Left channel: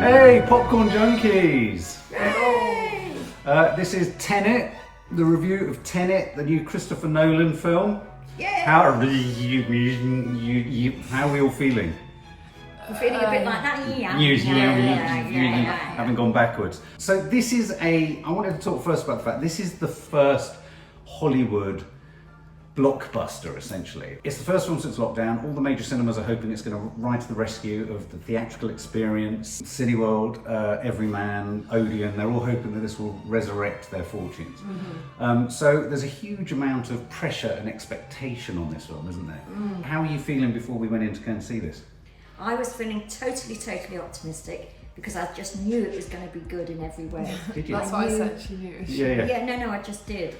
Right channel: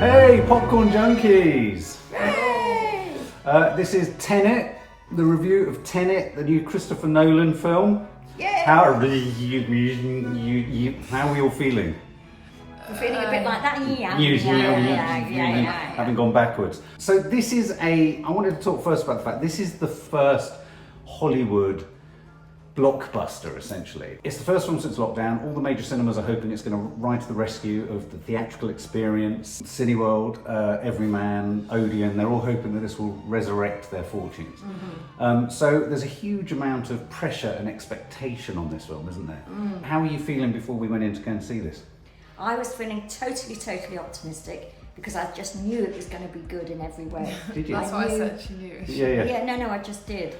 Hey, popcorn junkies! Yay! This is Tenet, the review of Tenet, the new Christopher Nolan film. Yay! How are we all feeling? We're feeling a bit like that, Having gone backwards. So this is I wanted to talk first about the fact this is the first Hollywood blockbuster, essentially. It's the first film since lockdown. All the major cinemas are hoping it's going to ride to the rescue of the theatrical experience. Cineworld, Everyman, Odeon, they're all hoping that this will resurrect their fortunes. So there's a huge amount of pressure and expectation on this film, isn't there? How are you feeling before we went in to go and see this? I was feeling totally optimistic because I just knew it was going to be good in every way. Did you? That's what I said, she knew. Yeah, no, I just did.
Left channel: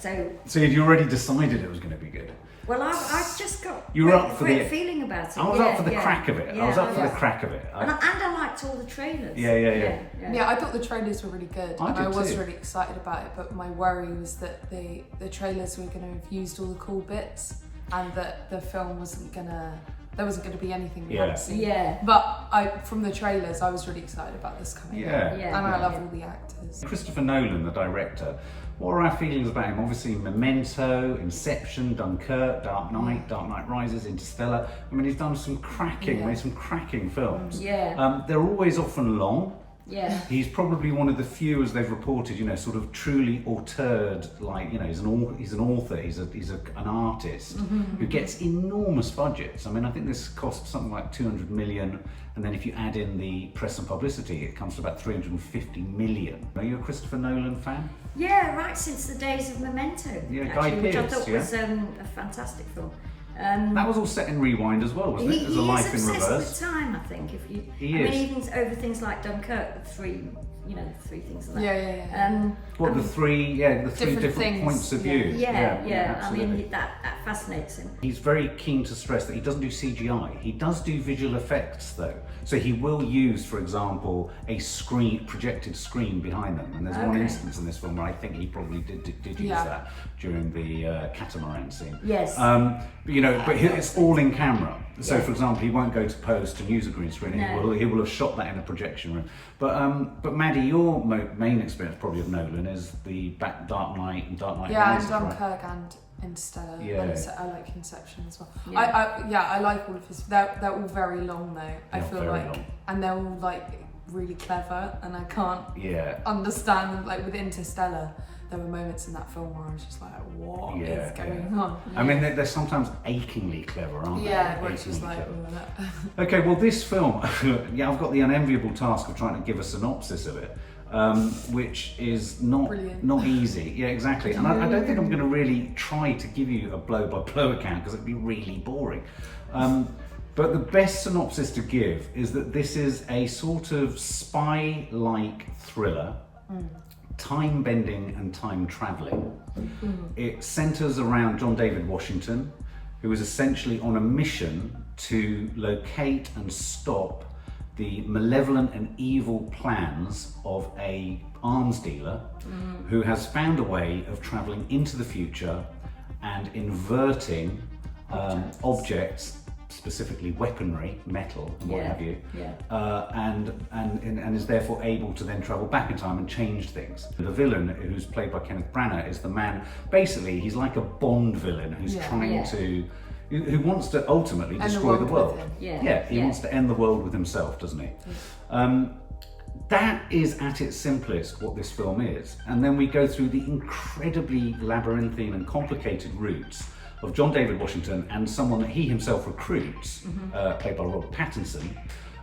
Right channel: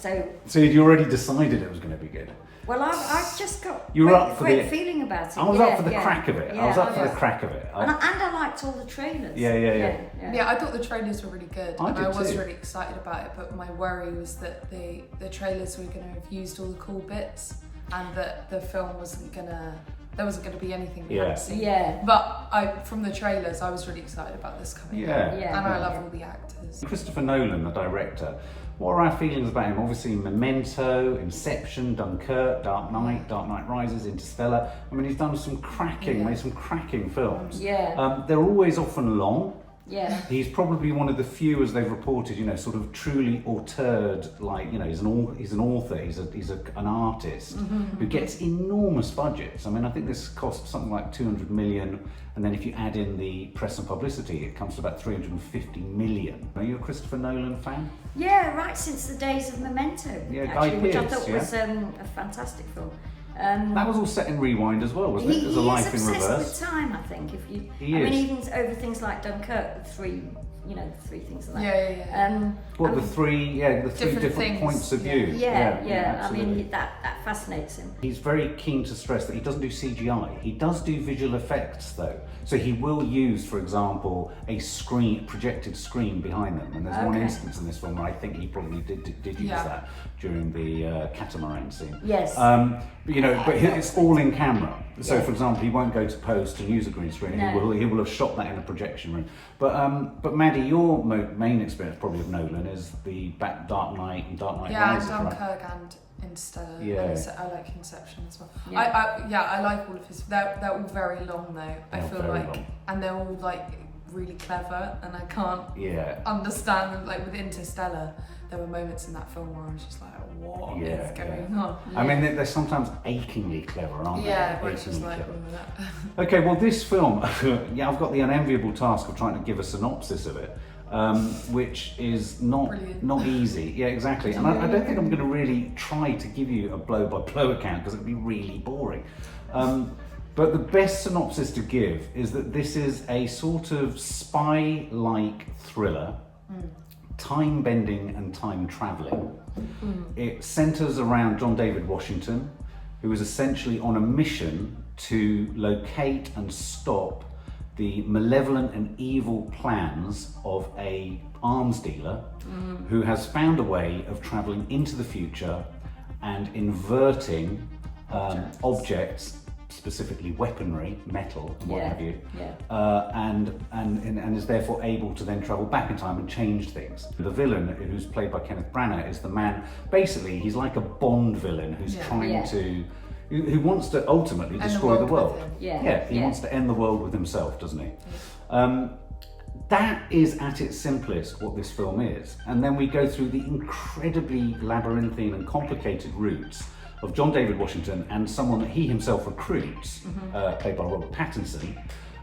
So you'd already decided it was going to be good? Well, I just got you were up for great feeling about it. I was up for the crack of it. I was up for the crack of it. And I liked all the trailers. Yeah, I thought the trailers were really good, and I was really excited about it. But my worry was that the trailers were going to have used all the cool bits, and that the film there wasn't going to be anything we hadn't seen. Yeah. But from the trailers, I was really excited about this coming out. And I love all the actors. Christopher Nolan, the director, what are our feelings about him? Obviously Memento, Inception, Dunkirk, Dark Knight Rises, Interstellar. I mean, he's done some cracking films. They're always often long. Yeah. He's probably one of the few, as they've reported, sort of truly auteured, he's an author, he's an artist who gets enormous budgets. I mean, I think this cost something like 200 million, and then if you add in the press and publicity, it comes to about 350 million. Are you a Christopher Nolan fan? Yeah, right since the days of Memento, actually, which I thought was a fantastic film. That was all set in rewind as well, wasn't it? There's a life in reverse. With time, I think. Even over things like Dunkirk, the three things like that. The three different points of view. I mean, that fascinates him. He's very keen to stress that he doesn't do CGI. He does do visual effects though. So he will use, for example, a projected screen behind them. And there's one instance in this film where I think he probably did use that during the catamaran scene. Yes. But it's all in camera. So, for example, he won't go to post and use a green screen. No. He will have shot that in a projection room. But Maddie, your main experience probably of Nolan is the Dark Knight and Dark Knight Rises. Yeah, Dunkirk and Interstellar. Yeah. And I like Inception as well. I like all of his. They're all very long though. I feel like, long. And they're all like really clever, and I can't understand them. Like with Interstellar, there were moments in that film where I was just like, what is going on? I mean, they're sometimes achingly clever, aren't they? Yeah, where it's just like, okay, well, this film, I've got the unenviable task of trying to give a synopsis of it, which is not easy. Yeah, exactly. And I don't think I'm going to really try to give you a blow-by-blow account because it'd be really boring. But the best synopsis to give is that this is a sort of spy-like thriller. Time-bending and time-travelling. It centres around John David Washington, who is essentially on a mission to locate and stop the malevolent and evil plans of an arms dealer who has found a way of travelling into the future and inverting objects, specifically weaponry, metal and what have you, and is therefore able to then travel back in time and change things. The villain, who's played by Kenneth Branagh, is the man, basically he's like a Bond villain who's trying to, who wants to ultimately destroy the world. He wants to end the world with himself, doesn't he? That is at its simplest what this film is. And then we go through the incredibly labyrinthine and complicated routes of John David Washington and someone that he himself recruits, played by Robert Pattinson,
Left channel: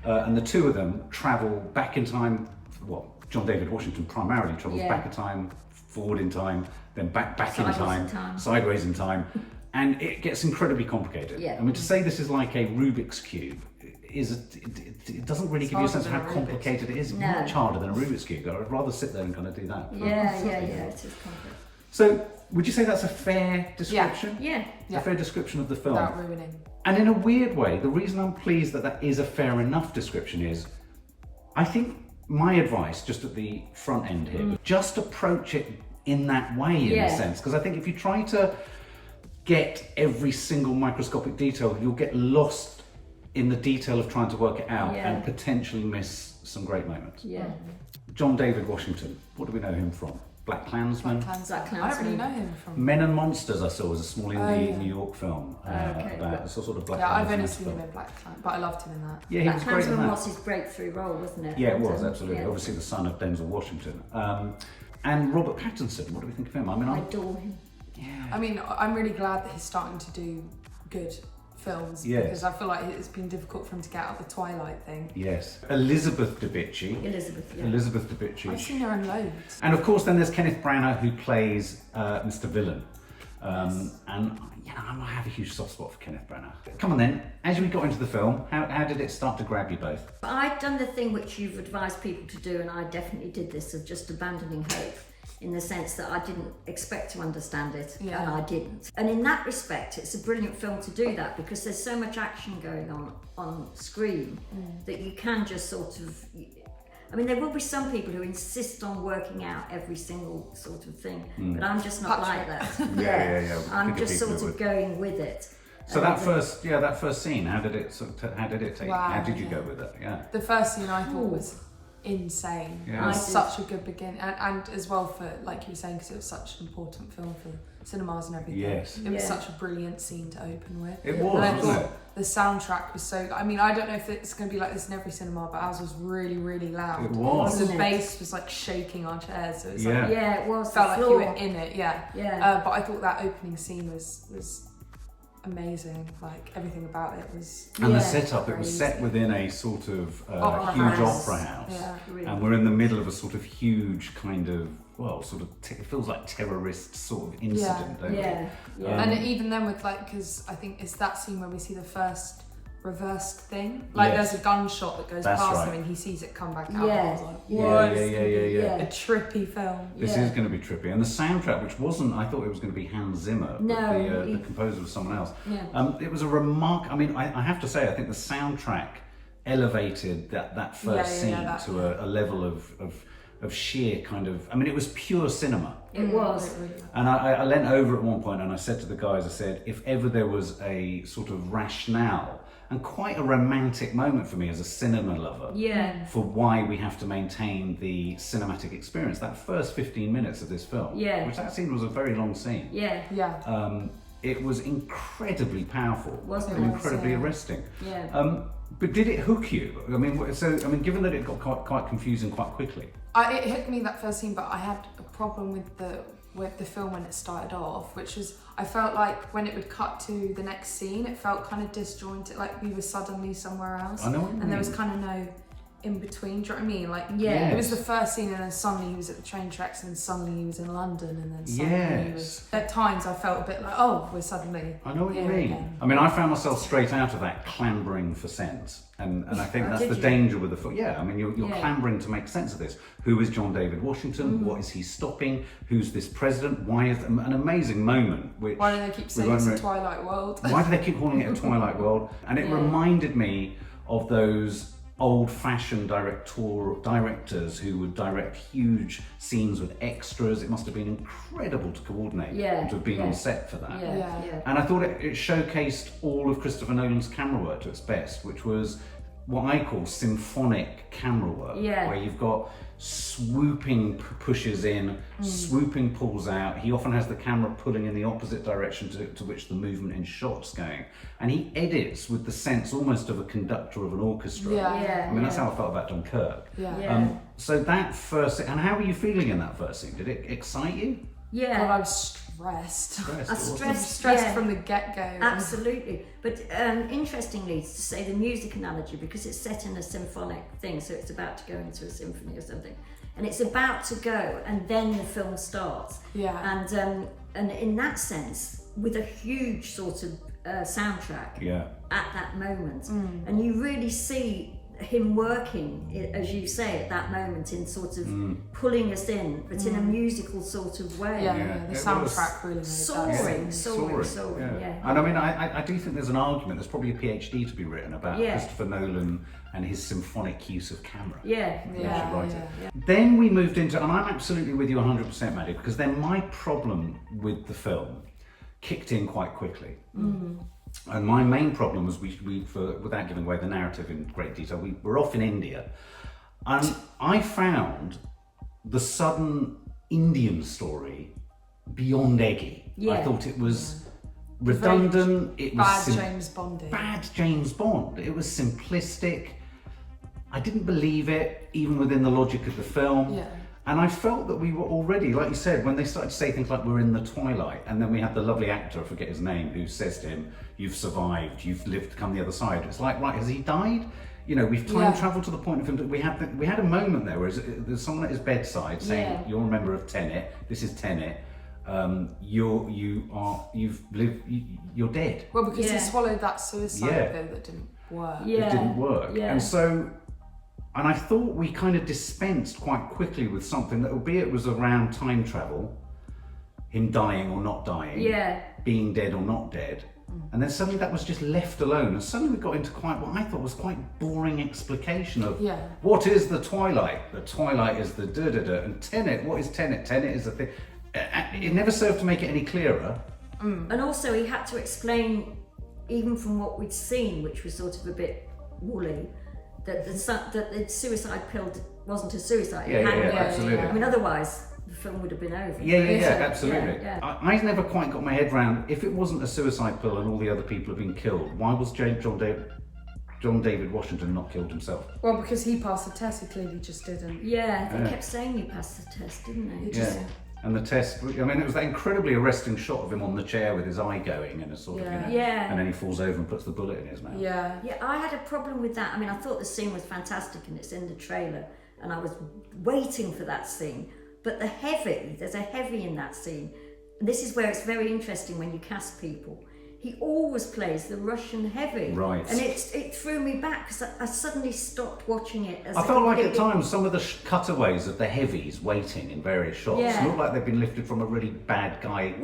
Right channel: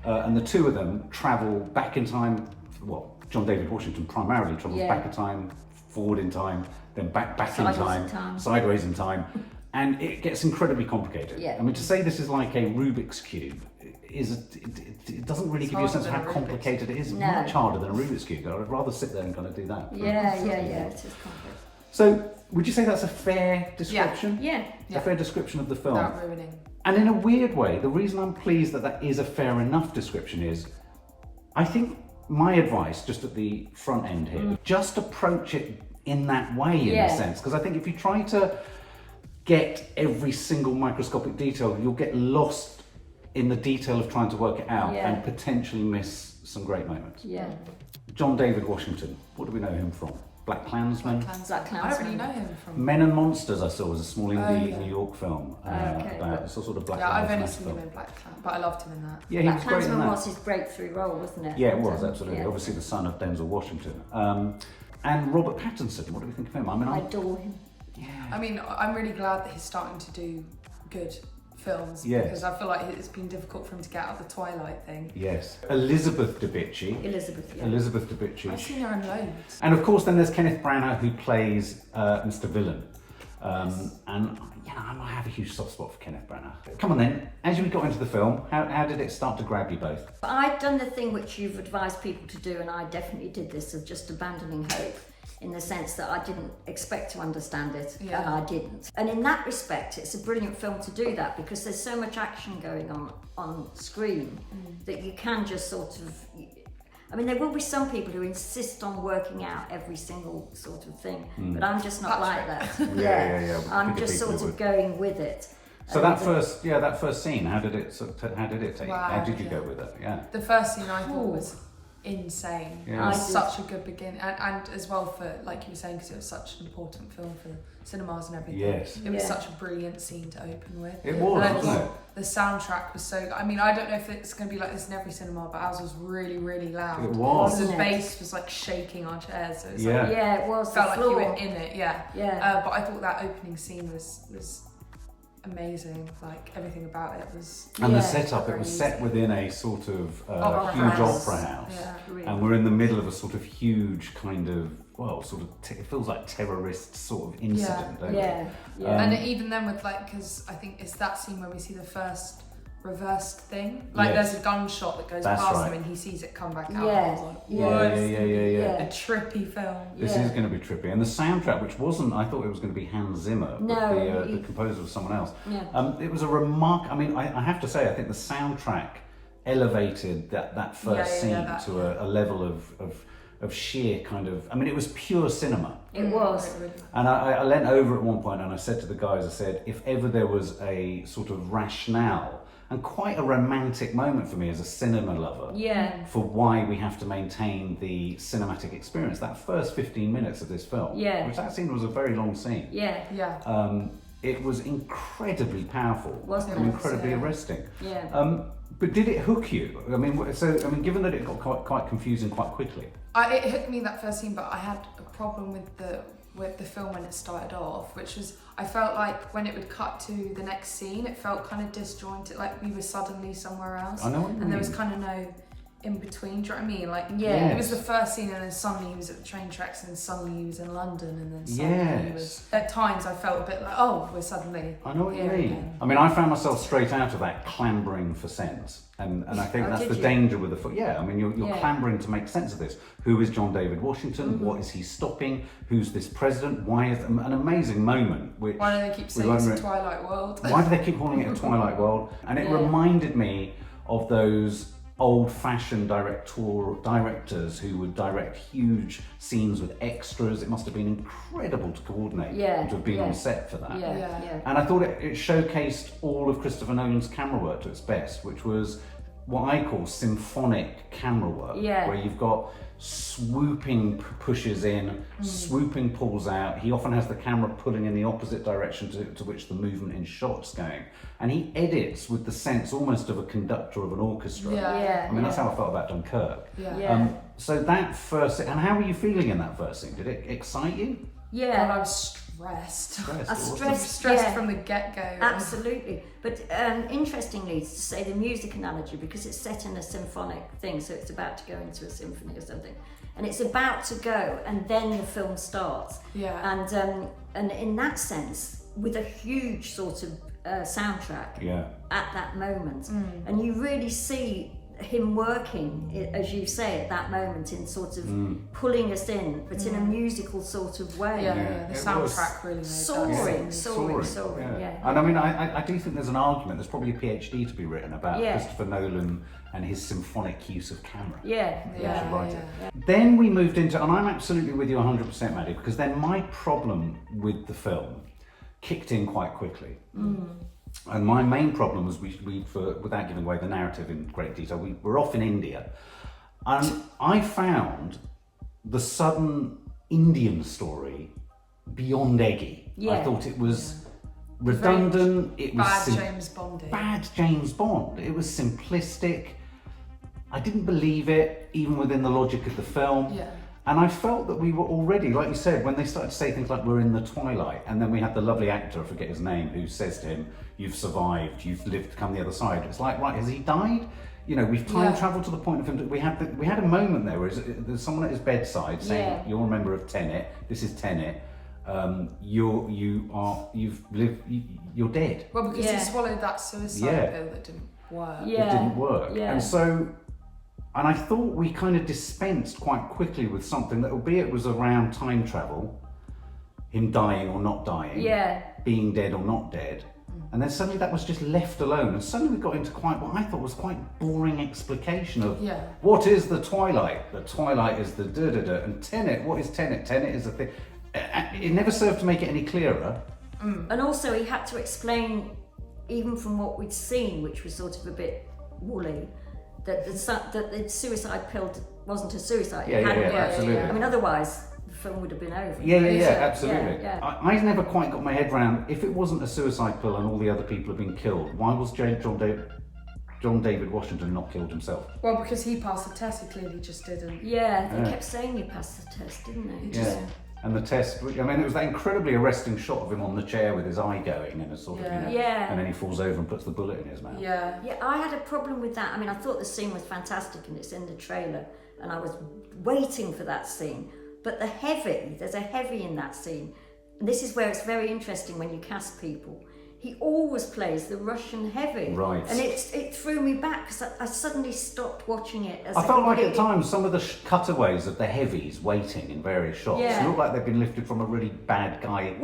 and the two of them travel back in time. Well, John David Washington primarily travels back in time, forward in time, then back in time, sideways in time, and it gets incredibly complicated. I mean, to say this is like a Rubik's Cube it doesn't really give you a sense of how complicated it is. It's much harder than a Rubik's Cube. I'd rather sit there and kind of do that. It is complex. So, would you say that's a fair description? Yeah. A fair description of the film. Without ruining. And in a weird way, the reason I'm pleased that is a fair enough description is, I think my advice, just at the front end here, just approach it in that way, in a sense. Because I think if you try to get every single microscopic detail, you'll get lost in the detail of trying to work it out Yeah. and potentially miss some great moments. Yeah. John David Washington, what do we know him from? Black Klansman? Black Klansman. I don't really know him from. Men and Monsters I saw was a small indie yeah. New York film Okay. about it's a sort of Black Yeah, I've only Lives seen Matter him in Black Klansman, but I loved him in that. Yeah, he was Black great in Klansman that. was his breakthrough role, wasn't it? Yeah, it was, absolutely. Yeah. Obviously the son of Denzel Washington. And Robert Pattinson, what do we think of him? I mean, I adore him. I mean, I'm really glad that he's starting to do good films because I feel like it's been difficult for him to get out of the Twilight thing. Yes. Elizabeth Debicki. Elizabeth Debicki. I've seen her in loads. And of course then there's Kenneth Branagh who plays Mr. Villain. And you know, I have a huge soft spot for Kenneth Branagh. Come on then, as we got into the film, how did it start to grab you both? I'd done the thing which you've advised people to do, and I definitely did this, of just abandoning hope, in the sense that I didn't expect to understand it, and I didn't. And in that respect, it's a brilliant film to do that, because there's so much action going on screen that you can just sort of... I mean, there will be some people who insist on working out every single sort of thing, but I'm just not like that. Yeah. I'm just sort of going with it. So that first scene, how did it take? Wow, how did you go with it? Yeah. The first scene I thought was insane. Yeah. It was such a good beginning, and as well for, like you were saying, because it was such an important film for cinemas and everything. Yes. It was such a brilliant scene to open with. It was, and I wasn't thought it? the soundtrack was so. I mean, I don't know if it's going to be like this in every cinema, but ours was really, really loud. It was. So the bass was like shaking our chairs. So it was it was. felt like floor. you were in it. Yeah. Yeah. But I thought that opening scene was amazing. Like everything about it was. And the setup, it was set within a sort of huge opera house. Yeah. Really. And we're in the middle of a sort of huge kind of, it feels like terrorist sort of incident, don't it? And even then with because I think it's that scene where we see the first reversed thing. Like there's a gunshot that goes past him and he sees it come back out. Yeah. I was like, what? Yeah. A trippy film. This is going to be trippy. And the soundtrack, which wasn't, I thought it was going to be Hans Zimmer, but the composer was someone else. Yeah. It was a I mean, I have to say, I think the soundtrack elevated that first scene to a level of sheer kind of, I mean, it was pure cinema. It was. And I leant over at one point and I said to the guys, I said, if ever there was a sort of rationale and quite a romantic moment for me as a cinema lover for why we have to maintain the cinematic experience, that first 15 minutes of this film, which that scene was a very long scene. It was incredibly powerful and incredibly arresting. But did it hook you? I mean, given that it got quite confusing quite quickly. It hooked me that first scene, but I had a problem with the film when it started off, which was, I felt like when it would cut to the next scene, it felt kind of disjointed, like we were suddenly somewhere else. I know what you mean. And there was kind of no in between, do you know what I mean? Like, it was the first scene and then suddenly he was at the train tracks and then suddenly he was in London and then suddenly he was... At times I felt a bit like, oh, we're suddenly I know what you mean. Again. I mean, I found myself straight out of that clambering for sense. And I think that's the danger with the film. Yeah, I mean, you're clambering to make sense of this. Who is John David Washington? What is he stopping? Who's this president? Why is an amazing moment? Which why do they keep saying it's a Twilight World? Why do they keep calling it a Twilight World? And it reminded me of those old-fashioned directors who would direct huge scenes with extras. It must have been incredible to coordinate and to have been on set for that. And I thought it showcased all of Christopher Nolan's camera work to its best, which was what I call symphonic camera work, where you've got swooping pushes in, swooping pulls out. He often has the camera pulling in the opposite direction to which the movement in shot's going. And he edits with the sense almost of a conductor of an orchestra. I mean, that's how I felt about Dunkirk. So that first, and how were you feeling in that first scene? Did it excite you? God, I was stressed. I stressed from the get-go. Absolutely. But interestingly, to say the music analogy, because it's set in a symphonic thing, so it's about to go into a symphony or something, and it's about to go, and then the film starts. And in that sense, with a huge sort of soundtrack at that moment, and you really see him working, as you say, at that moment in sort of pulling us in, but in a musical sort of way. The soundtrack really made soaring. And I mean, I do think there's an argument, there's probably a PhD to be written about Christopher Nolan and his symphonic use of camera. Then we moved into, and I'm absolutely with you 100%, Maddie, because then my problem with the film kicked in quite quickly. And my main problem was without giving away the narrative in great detail, we were off in India, and I found the sudden Indian story beyond eggy. Yeah. I thought it was redundant. It was bad James Bond. Bad James Bond. It was simplistic. I didn't believe it, even within the logic of the film. Yeah. And I felt that we were already, like you said, when they started to say things like we're in the twilight, and then we had the lovely actor, I forget his name, who says to him, "You've survived, you've lived to come the other side." It's like, right, has he died? You know, we've time travelled to the point of him. We had a moment there where there's someone at his bedside saying, "You're a member of Tenet. This is Tenet. You're dead." Well, because he swallowed that suicide pill that didn't work. It didn't work, and so. And I thought we kind of dispensed quite quickly with something that, albeit was around time travel, him dying or not dying, being dead or not dead, and then suddenly that was just left alone, and suddenly we got into quite what I thought was quite boring explication of what is the twilight. The twilight is the da-da-da, and Tenet, what is Tenet? Tenet is a thing. It never served to make it any clearer. And also he had to explain, even from what we'd seen, which was sort of a bit woolly, that the suicide pill wasn't a suicide. Absolutely. I mean, otherwise the film would have been over. Absolutely. I never quite got my head around, if it wasn't a suicide pill and all the other people had been killed, why was John David Washington not killed himself? Well, because he passed the test, he clearly just didn't. Yeah, they kept saying he passed the test, didn't they? And the test, I mean, it was that incredibly arresting shot of him on the chair with his eye going and a sort of, and then he falls over and puts the bullet in his mouth. Yeah, I had a problem with that. I mean, I thought the scene was fantastic and it's in the trailer, and I was waiting for that scene. But there's a heavy in that scene. And this is where it's very interesting when you cast people. He always plays the Russian heavy. Right. And it threw me back because I suddenly stopped watching it. I felt like at times some of the cutaways of the heavies waiting in various shots look like they've been lifted from a really bad Guy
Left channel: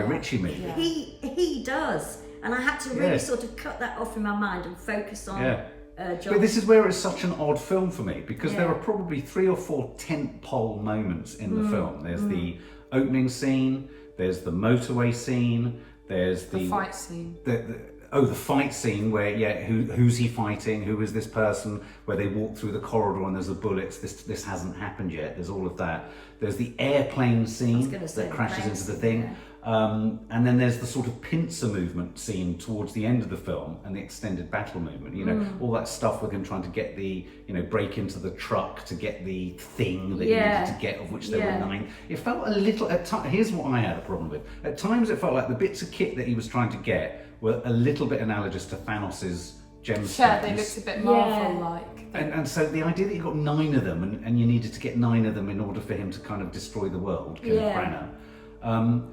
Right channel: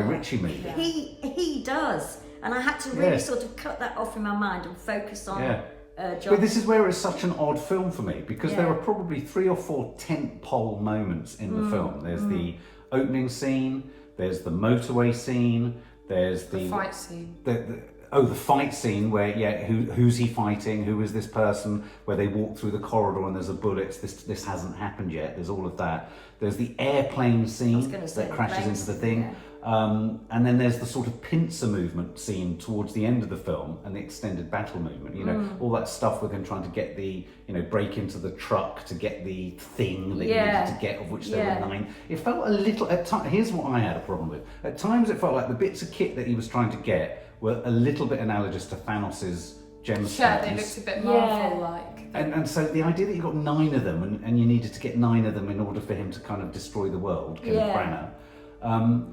Ritchie movie. Yeah. He does. And I had to really sort of cut that off in my mind and focus on John. But this is where it's such an odd film for me, because there are probably 3 or 4 tentpole moments in the film. There's the opening scene, there's the motorway scene, there's the fight scene. The fight scene where who's he fighting? Who is this person? Where they walk through the corridor and there's the bullets. This hasn't happened yet. There's all of that. There's the airplane scene that crashes into the thing. And then there's the sort of pincer movement scene towards the end of the film and the extended battle movement. You know, all that stuff with him trying to get the, break into the truck to get the thing that he needed to get, of which there were 9. It felt a little, here's what I had a problem with. At times it felt like the bits of kit that he was trying to get were a little bit analogous to Thanos's gemstones. Yeah, they looked a bit Marvel-like. And so the idea that you got 9 of them and you needed to get 9 of them in order for him to kind of destroy the world, Kenneth Branagh.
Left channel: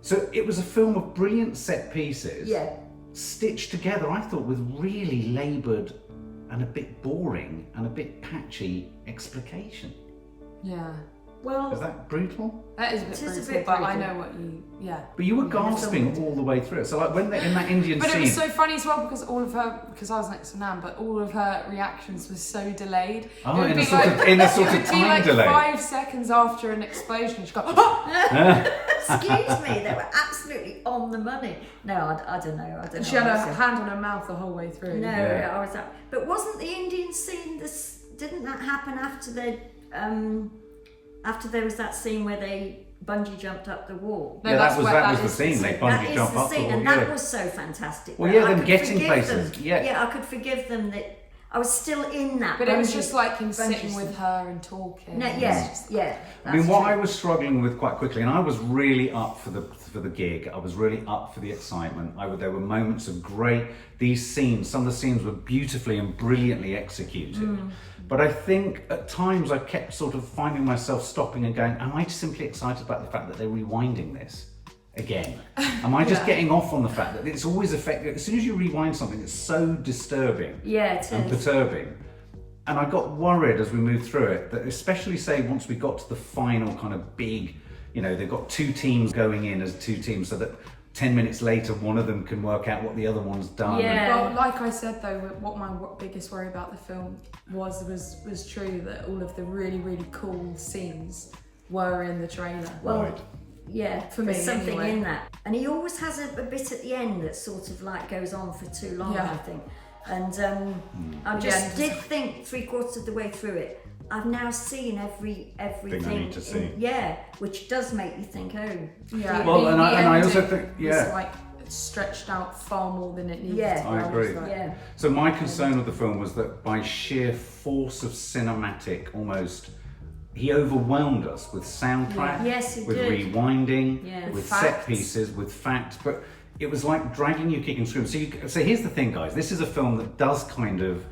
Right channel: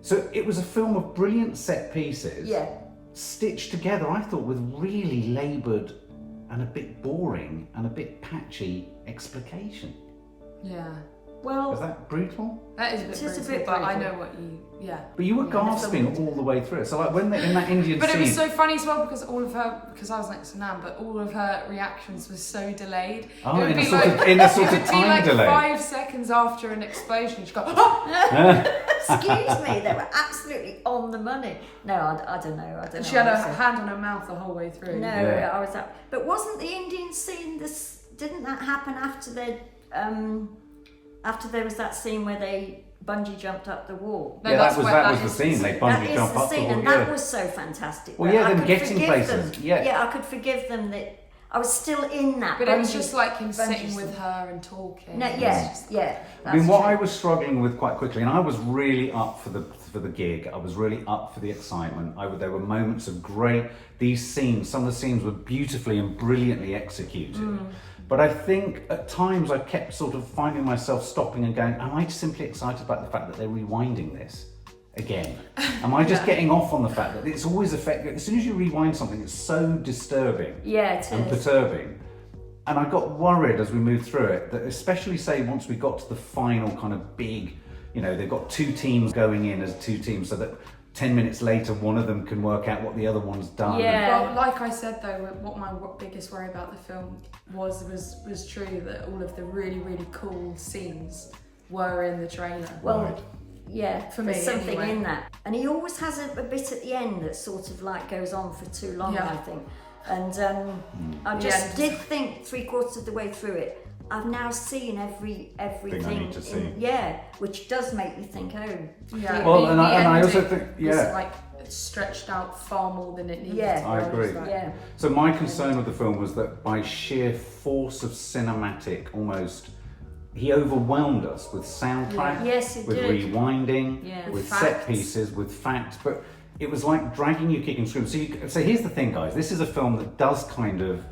So it was a film of brilliant set pieces, stitched together, I thought, with really laboured and a bit boring and a bit patchy explication. Yeah. Well, is that brutal? That is a bit brutal, but I know what you... But you were gasping all the way through it. So like when they're in that Indian But scene... it was so funny as well because because I was next to Nan, but all of her reactions were so delayed. Oh, it would in be a sort of time delay. It would be like 5 seconds after an explosion, she'd go, "Ah!" Excuse me, they were absolutely on the money. No, I don't know. And she had her hand on her mouth the whole way through. No, I was up. But wasn't the Indian scene, didn't that happen after after there was that scene where they bungee jumped up the wall? No, that was the scene. They bungee jumped up the wall. And that was so fantastic. Well, them getting places. Yeah, I could forgive them that I was still in that. But it was just like him sitting with her and talking. No, I mean, what I was struggling with quite quickly, and I was really up for the gig. I was really up for the excitement. There were moments of these scenes. Some of the scenes were beautifully and brilliantly executed. But I think at times I kept sort of finding myself stopping and going, am I simply excited about the fact that they're rewinding this again? Am I just getting off on the fact that it's always effective? As soon as you rewind something, it's so disturbing and perturbing. And I got worried as we moved through it, that especially say once we got to the final kind of big, they've got 2 teams going in as 2 teams so that 10 minutes later, one of them can work out what the other one's done. Yeah. Well, like I said though, what my biggest worry about the film was true, that all of the really, really cool scenes were in the trailer. Well, right. For me, there's something anyway. in that. And he always has a bit at the end that sort of like goes on for too long, I think. And I just did think 3/4 of the way through it, I've now seen everything I need to see. Which does make you think, Well, and I also think, was like stretched out far more than it needed to be. I agree. So my concern with the film was that by sheer force of cinematic, almost, he overwhelmed us with soundtrack, with rewinding, with set pieces, with facts, but it was like dragging you kicking screaming. So here's the thing, guys, this is a film that does kind of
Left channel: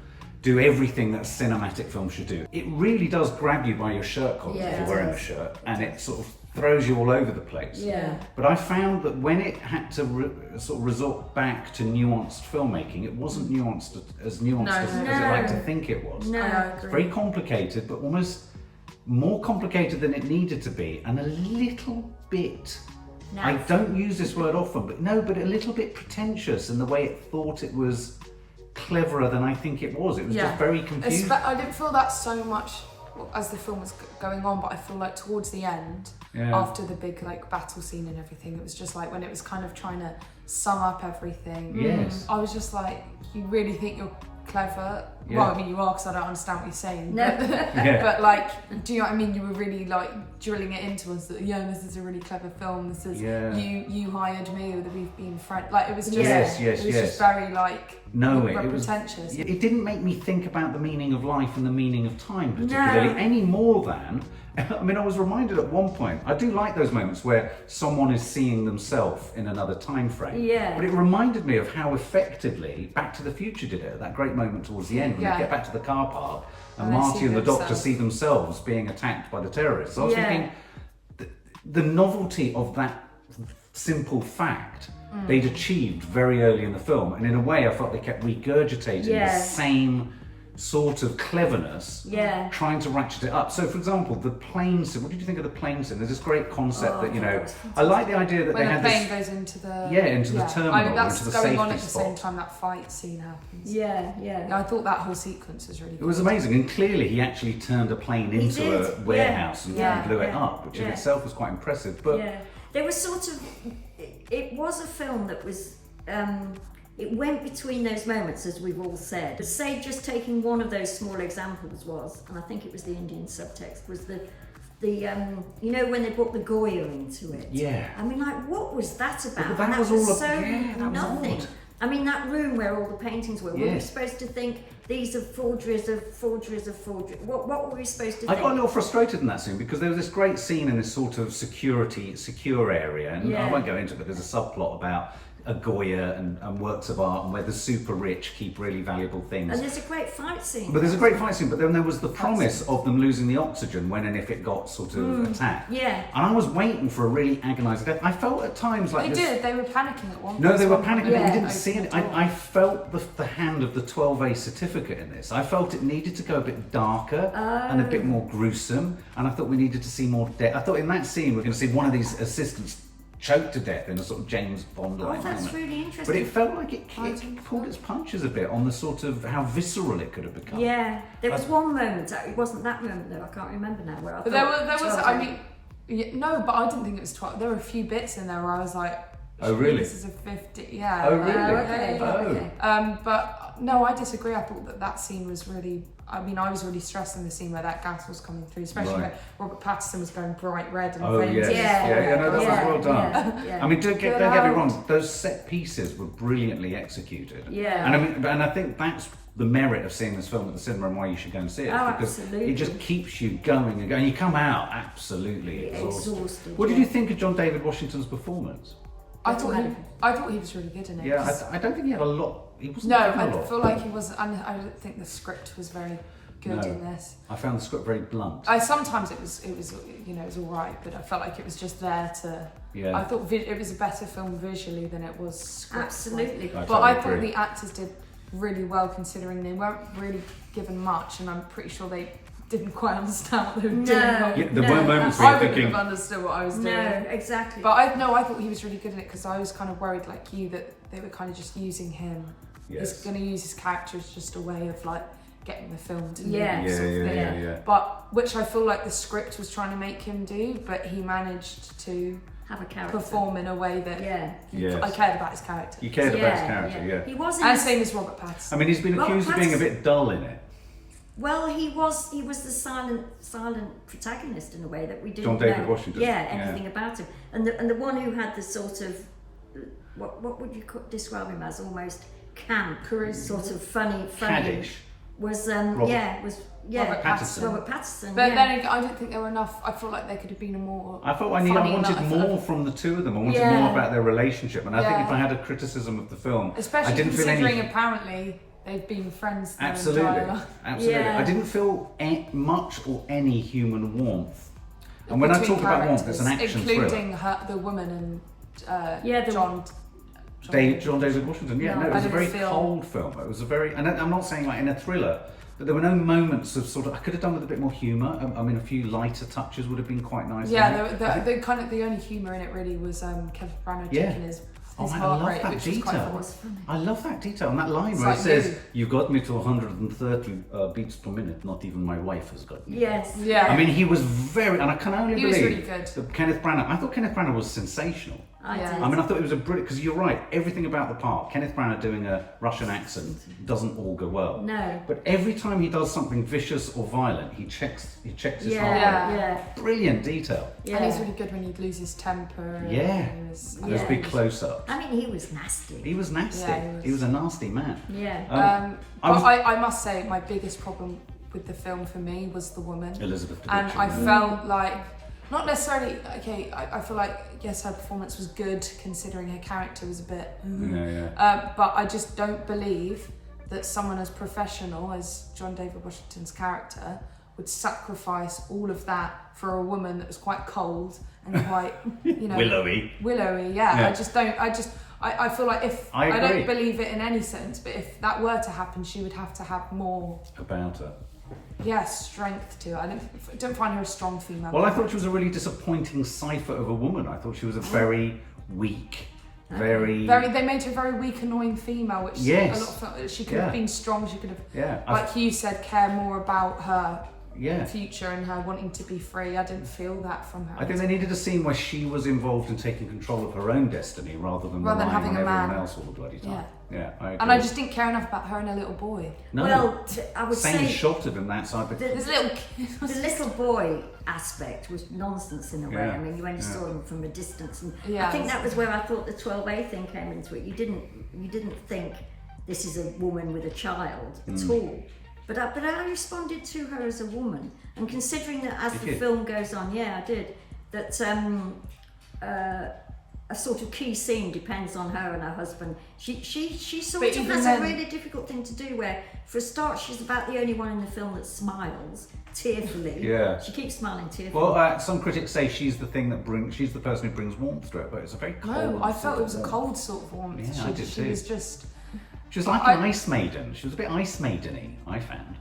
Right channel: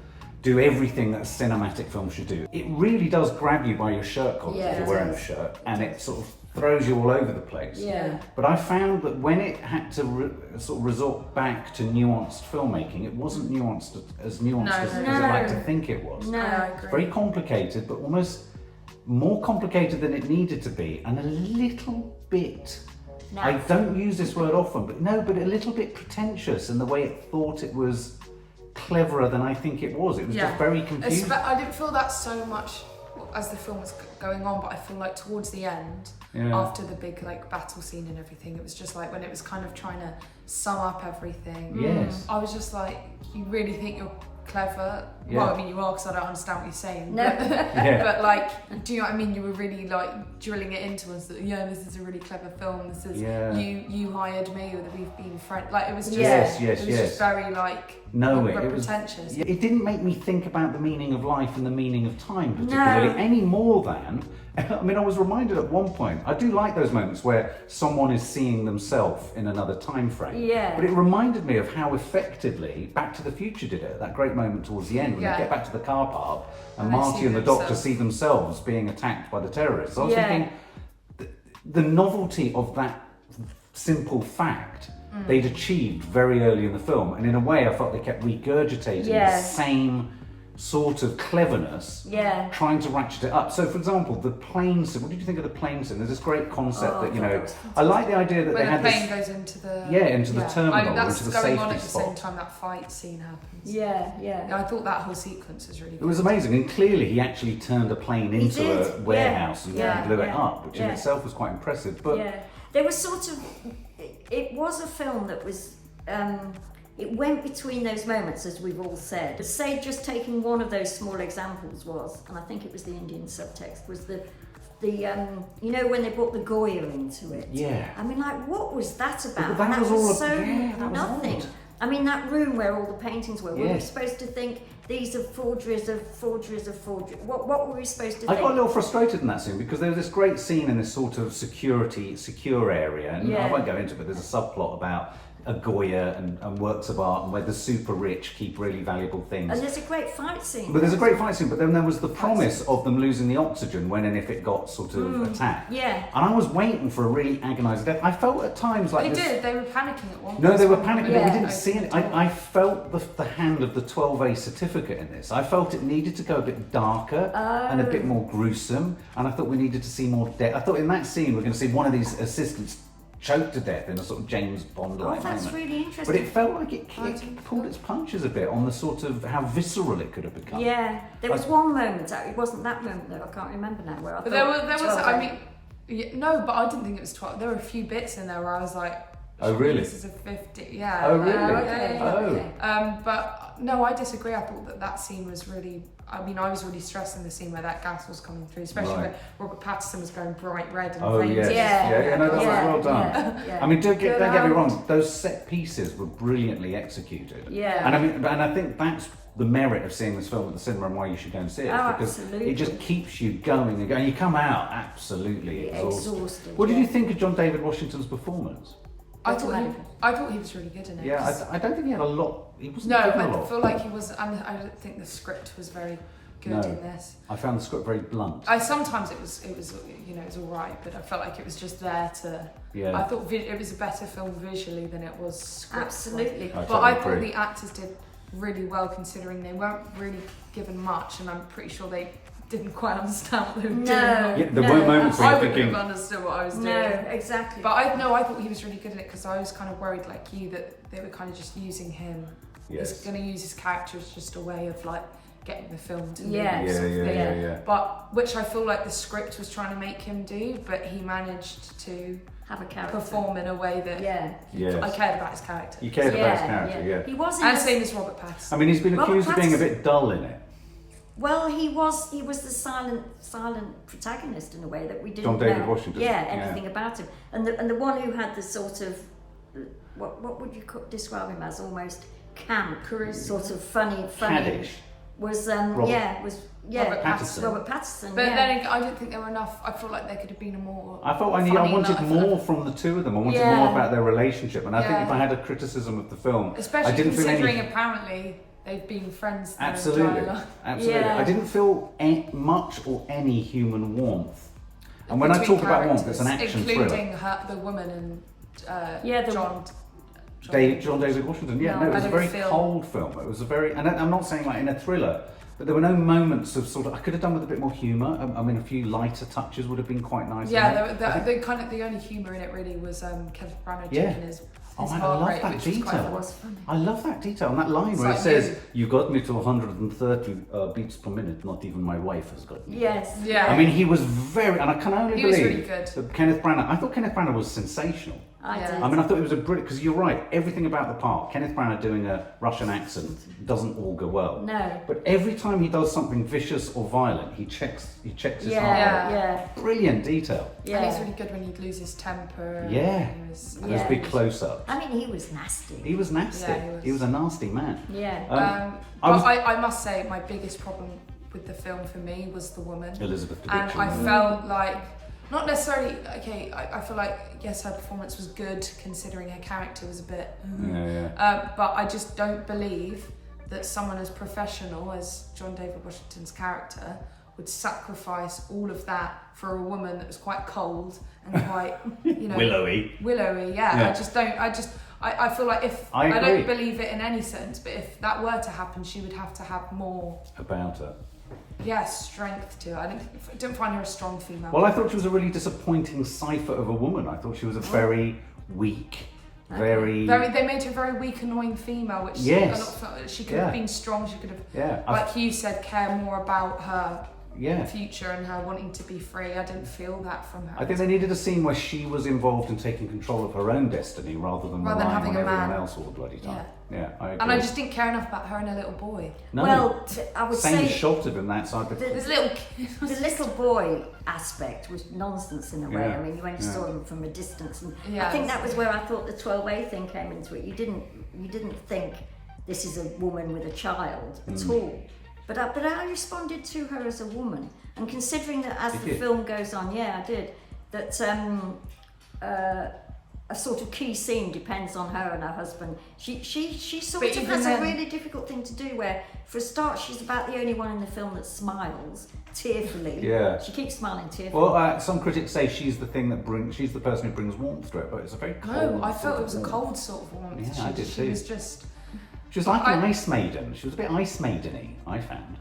do everything that a cinematic film should do. It really does grab you by your shirt collar if you're wearing a shirt, and it sort of throws you all over the place. But I found that when it had to sort of resort back to nuanced filmmaking, it wasn't nuanced as I like to think it was. It's very complicated, but almost more complicated than it needed to be, and a little bit, I don't use this word often, but a little bit pretentious in the way it thought it was cleverer than I think it was. It was just very confusing. I didn't feel that so much as the film was going on, but I feel like towards the end, after the big like battle scene and everything, it was just like when it was kind of trying to sum up everything. I was just like, you really think you're clever? Well, I mean, you are, because I don't understand what you're saying. But like, do you know what I mean? You were really like drilling it into us that this is a really clever film. This is you hired me, or that we've been friends. Like it was just just very like pretentious. It didn't make me think about the meaning of life and the meaning of time particularly any more than. I mean, I was reminded at one point, I do like those moments where someone is seeing themselves in another time frame. But it reminded me of how effectively Back to the Future did it at that great moment towards the end when they get back to the car park and Marty and the Doctor see themselves being attacked by the terrorists. I was thinking, the novelty of that simple fact they'd achieved very early in the film, and in a way I felt they kept regurgitating the same sort of cleverness, trying to ratchet it up. So, for example, the plane scene. What did you think of the plane scene? There's this great concept that I like the idea that when they had the plane this, goes into the the terminal, that's into the going safety on at the spot. same time that fight scene happens. I thought that whole sequence was really good. It was amazing, and clearly he actually turned a plane into a warehouse and blew it up, which in itself was quite impressive. But there was sort of, it was a film that was. It went between those moments, as we've all said. But say just taking one of those small examples was, and I think it was the Indian subtext, was the you know, when they brought the Goya into it. I mean, like, what was that about? That was all nothing. odd. I mean, that room where all the paintings were we supposed to think these are forgeries of forgeries of forgeries? What were we supposed to think? I got a little frustrated in that scene because there was this great scene in this sort of secure area, and I won't go into it, but there's a subplot about a Goya and works of art, and where the super rich keep really valuable things. And there's a great fight scene. But then there was the promise of them losing the oxygen when and if it got sort of attacked. And I was waiting for a really agonising death. I felt at times like they were panicking at one point. No, they were panicking, but we didn't see it. I felt the hand of the 12A certificate in this. I felt it needed to go a bit darker and a bit more gruesome, and I thought we needed to see more death. I thought in that scene we're going to see one of these assistants choked to death in a sort of James Bond-like moment. That's really interesting. But it felt like it pulled its punches a bit on the sort of how visceral it could have become. There was one moment, it wasn't that moment though, I can't remember now, where I but there was I mean, no, but I didn't think it was 12. There were a few bits in there where I was like, oh really? This is a 50, Oh really? But no, I disagree. I thought that scene was really, I mean, I was really stressed in the scene where that gas was coming through, especially when Robert Pattinson was going bright red and famous. That was well done. I mean, don't get me wrong, those set pieces were brilliantly executed. And I think that's the merit of seeing this film at the cinema and why you should go and see it, because it just keeps you going and going. You come out absolutely exhausted. What did you think of John David Washington's performance? I thought he was really good in it. I don't think he had a lot. He wasn't. No, I feel like he wasn't, and I don't think the script was very good in this. I found the script very blunt. Sometimes it was you know, it was all right, but I felt like it was just there to. I thought it was a better film visually than it was script. Absolutely. But I thought the actors did really well, considering they weren't really given much, and I'm pretty sure they didn't quite understand what they were doing. There were moments where I wouldn't have understood what I was doing. No, exactly. But I thought he was really good in it, because I was kind of worried, like you, that they were kind of just using him. He's going to use his character as just a way of like getting the film to move. But which I feel like the script was trying to make him do, but he managed to have a character. Perform in a way that I cared about his character. You cared about his character, yeah. He was and same as Robert Pattinson. I mean, he's been accused of being a bit dull in it. Well, he was the silent protagonist in a way that we didn't John David know, Washington. anything about him. And the one who had the sort of, what would you describe him as? Almost camp, sort of funny. Caddish. Was Robert Pattinson. Robert Pattinson. But then I didn't think there were enough. I feel like there could have been a more. I felt I wanted more from the two of them. I wanted more about their relationship, and I think if I had a criticism of the film, especially I didn't considering feel any... apparently they've been friends their Absolutely. entire life. Absolutely. Yeah. I didn't feel much or any human warmth. And when I talk about warmth, it's an action including thriller. the woman and John David Washington. Yeah, no, it was a very cold film. It was a very, and I'm not saying like in a thriller, but there were no moments of sort of. I could have done with a bit more humour. I mean, a few lighter touches would have been quite nice. Yeah, the only humour in it really was Kenneth Branagh taking his heart rate, which was quite fun. I love that detail. And that line where it says, "You got me to 130 beats per minute. Not even my wife has got me." Yes. Yeah. I mean, he was very, and I can only believe was really good. That Kenneth Branagh. I thought Kenneth Branagh was sensational. I mean, I thought it was a brilliant, because you're right, everything about the part, Kenneth Branagh doing a Russian accent doesn't augur well. No. But every time he does something vicious or violent, he checks his heart rate. Yeah. Brilliant detail. Yeah. And he's really good when he'd lose his temper. And those big close-ups. I mean, he was nasty. He was nasty. Yeah, he was a nasty man. Yeah. I must say, my biggest problem with the film for me was the woman. Elizabeth Debicki. And I felt like, not necessarily, I feel like, yes, her performance was good considering her character was a bit, but I just don't believe that someone as professional as John David Washington's character would sacrifice all of that for a woman that was quite cold and quite, willowy, yeah. I feel like I don't believe it in any sense, but if that were to happen, she would have to have more about her. Strength to her. I don't find her a strong female. Well, I thought she was a really disappointing cipher of a woman. I thought she was a very weak, very. They made her a very weak, annoying female, which she could have been strong. She could have, like you said, care more about her future and her wanting to be free. I didn't feel that from her. I think they needed a scene where she was involved in taking control of her own destiny rather than having a man else all the bloody time. Yeah, I agree. And I just didn't care enough about her and her little boy. No. Well, I would say shot of him outside the little boy aspect was nonsense in a way. I mean, you only saw him from a distance, and I think that was where I thought the 12A thing came into it. You didn't think this is a woman with a child at all. But I responded to her as a woman, and considering that as the film goes on, I did, that a sort of key scene depends on her and her husband. She sort of has a really difficult thing to do, where for a start she's about the only one in the film that smiles tearfully. Yeah. She keeps smiling tearfully. Well, some critics say she's the person who brings warmth to it, but it's a very cold. No, I felt it was a cold sort of warmth. Yeah, she was just. She was like an ice maiden. She was a bit ice maiden-y, I found.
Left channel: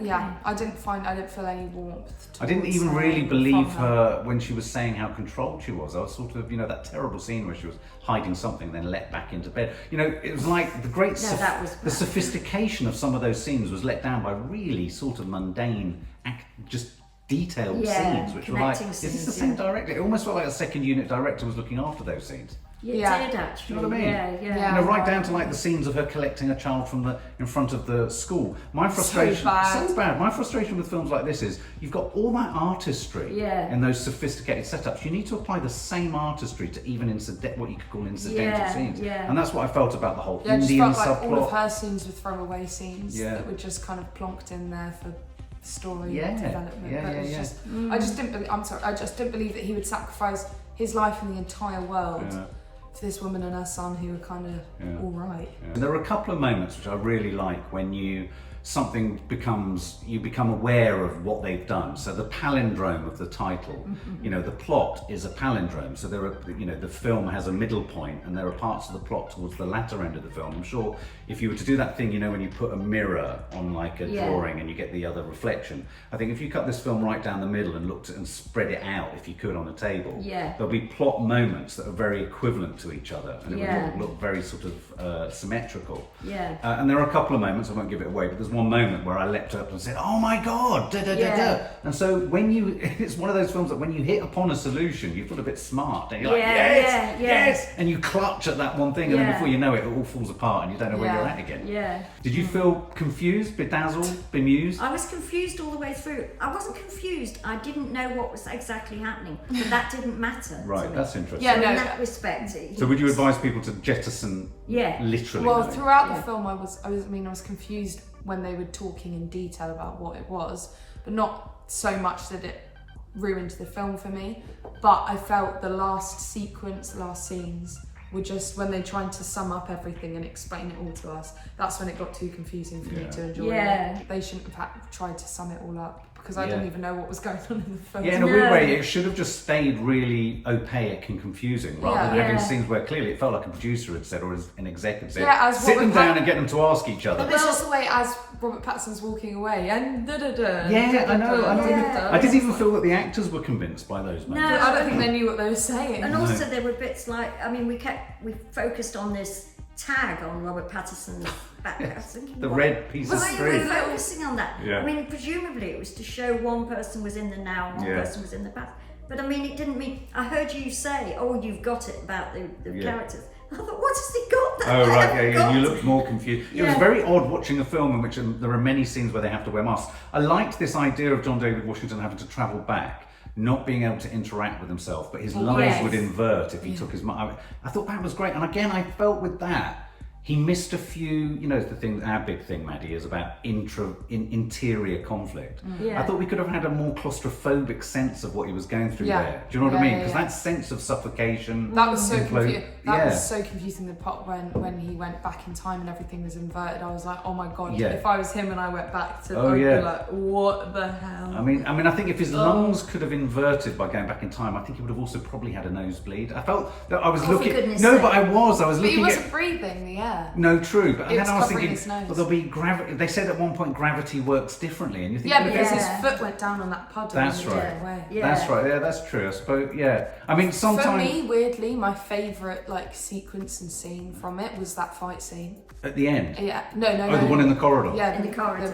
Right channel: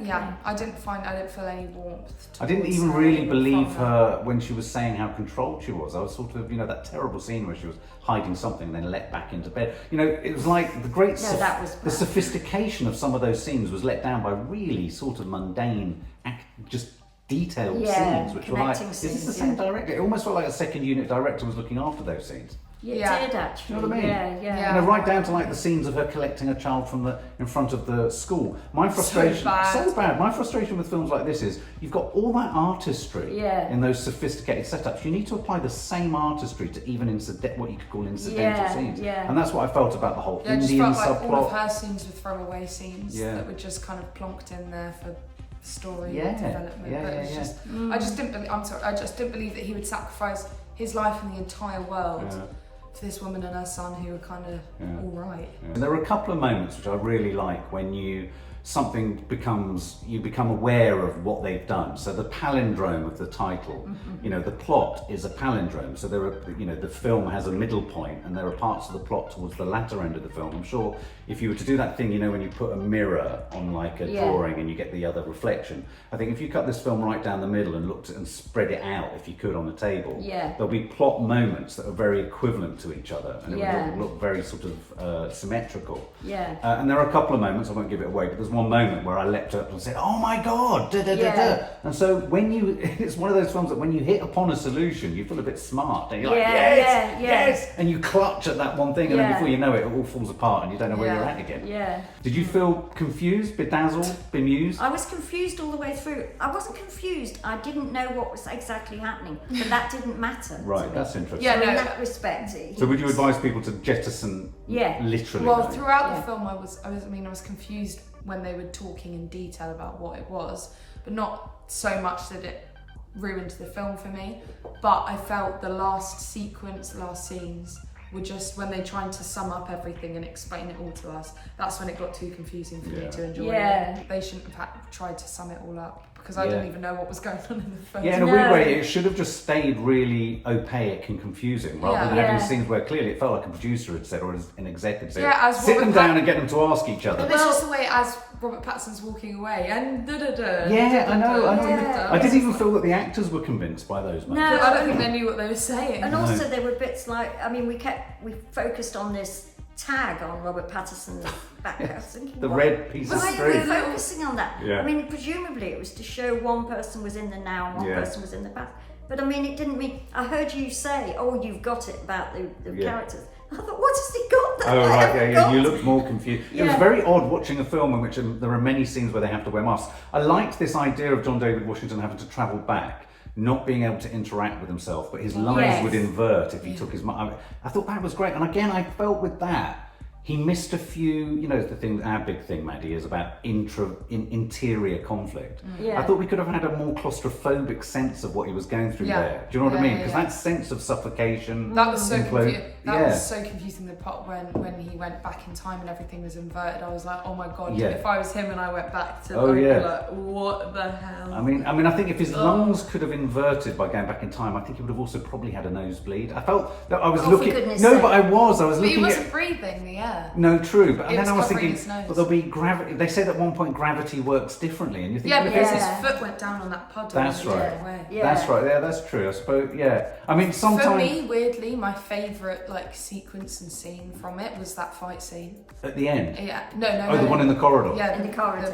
Yeah, I didn't feel any warmth. I didn't even really believe her when she was saying how controlled she was. I was sort of, that terrible scene where she was hiding something and then let back into bed. It was like the great the sophistication of some of those scenes was let down by really sort of mundane, just detailed scenes, which were like, is this the same director? It almost felt like a second unit director was looking after those scenes. It did actually. You know what I mean? Yeah. Right down to like the scenes of her collecting a child in front of the school. My frustration, so bad. My frustration with films like this is you've got all that artistry in those sophisticated setups. You need to apply the same artistry to even what you could call incidental scenes. And that's what I felt about the whole Indian subplot. Just felt like all of her scenes were throwaway scenes that were just kind of plonked in there for story development. But it's just, I just didn't believe that he would sacrifice his life and the entire world for this woman and her son who were kind of all right. And there were a couple of moments which I really like when you become aware of what they've done. So the palindrome of the title, the plot is a palindrome. So there are, the film has a middle point and there are parts of the plot towards the latter end of the film. I'm sure if you were to do that thing, when you put a mirror on like a drawing and you get the other reflection, I think if you cut this film right down the middle and looked at and spread it out, if you could, on the table, there'll be plot moments that are very equivalent to each other, and it Yeah. would look very sort of symmetrical. Yeah. And there are a couple of moments, I won't give it away, but there's one moment where I leapt up and said, "Oh my God!" Da, da, da, da. And so when you, it's one of those films that when you hit upon a solution, you feel a bit smart, and you're like, yes, and you clutch at that one thing, and then before you know it, it all falls apart, and you don't know where you're at again. Yeah. Did you feel confused, bedazzled, bemused? I was confused all the way through. I wasn't confused. I didn't know what was exactly happening, but that didn't matter. Right, that's interesting. Yeah, So no. in that respect. So would you advise people to jettison literally? Well, throughout the film, I was confused when they were talking in detail about what it was, but not so much that it ruined the film for me. But I felt the last scenes were just when they tried to sum up everything and explain it all to us. That's when it got too confusing for me to enjoy it. They shouldn't have tried to sum it all up, because I didn't even know what was going on in the film. Yeah, in a weird way, it should have just stayed really opaque and confusing, rather than having scenes where clearly it felt like a producer had said, or an executive said, sit them down and get them to ask each other. But it's just the way as Robert Pattinson's walking away and Yeah, I know. I didn't even feel that the actors were convinced by those moments. No, I don't think they knew what they were saying. And also there were bits like, I mean, we focused on this tag on Robert Pattinson's back. I was thinking, the red piece of why string. were we focusing on that? Yeah. I mean, presumably it was to show one person was in the now and one person was in the past. But I mean, it didn't mean, I heard you say, oh, you've got it about the characters. I thought, what has he got there? Oh, right, you looked more confused. It was very odd watching a film in which there are many scenes where they have to wear masks. I liked this idea of John David Washington having to travel back, not being able to interact with himself, but his lungs would invert if he took his mask. I thought that was great. And again, I felt with that, he missed a few, you know, the thing, our big thing, Maddie, is about interior conflict. I thought we could have had a more claustrophobic sense of what he was going through there. Do you know what I mean? Because that sense of suffocation. That was so confusing. That was so confusing. The part when he went back in time and everything was inverted, I was like, oh my God, if I was him and I went back to like, what the hell? I mean, I think if his lungs could have inverted by going back in time, I think he would have also probably had a nosebleed. I felt that I was looking. No, but I was looking. But he wasn't breathing the air. No, true. But then I was thinking, his nose. but there'll be gravity. They said at one point gravity works differently, and you think, because his foot went down on that puddle. That's right. That's right. Yeah, that's true. I suppose. Yeah. I mean, sometimes for me, weirdly, my favourite sequence and scene from it was that fight scene at the end. Yeah. No. The one in the corridor. Yeah, in the corridor.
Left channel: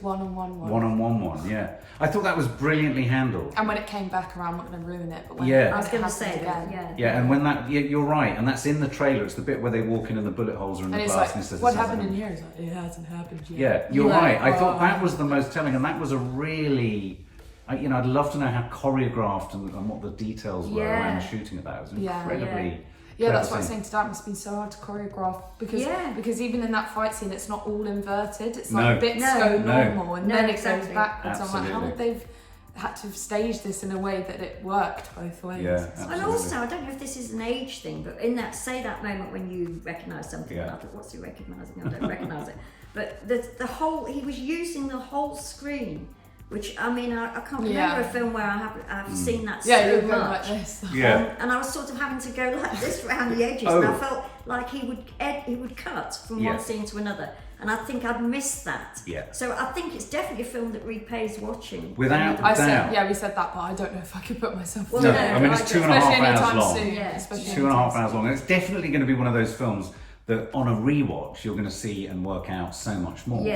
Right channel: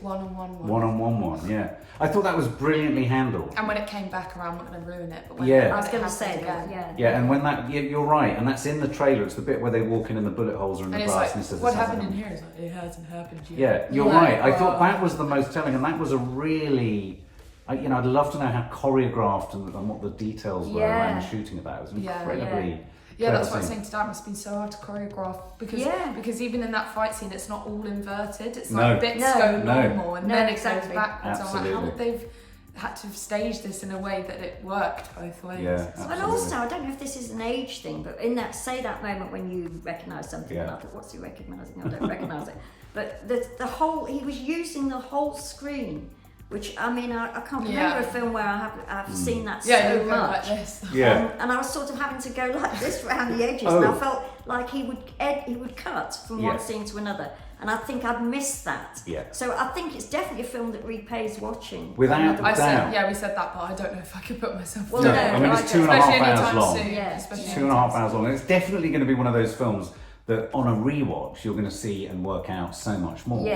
One-on-one. One-on-one one. Yeah. I thought that was brilliantly handled. And when it came back around, I'm not going to ruin it. But when I was going to say again. Yeah, and when that, you're right, and that's in the trailer. It's the bit where they walk in and the bullet holes are in the glass, and it says, "What happened in here?" It's like, it hasn't happened yet. Yeah, you're right. I thought that was the most telling, and that was a really, I'd love to know how choreographed and what the details were around the shooting of that. It was incredibly. Yeah, that's what I was saying to Dad. It must have been so hard to choreograph because even in that fight scene, it's not all inverted. It's like bits go normal and then it goes backwards. I'm like, how would they've had to have staged this in a way that it worked both ways? Yeah, and also, I don't know if this is an age thing, but in that moment when you recognise something, and I thought, what's he recognising? I don't recognise it. But the whole, he was using the whole screen. Which, I mean, I can't remember a film where I've seen that so much. Like this. And I was sort of having to go like this around the edges, and I felt like he would cut from one scene to another, and I think I'd missed that. So I think it's definitely a film that repays watching. Without doubt. We said that, but I don't know if I could put myself through it. I mean, it's 2.5 hours long. It's 2.5 hours long, and it's definitely going to be one of those films that on a rewatch you're going to see and work out so much more.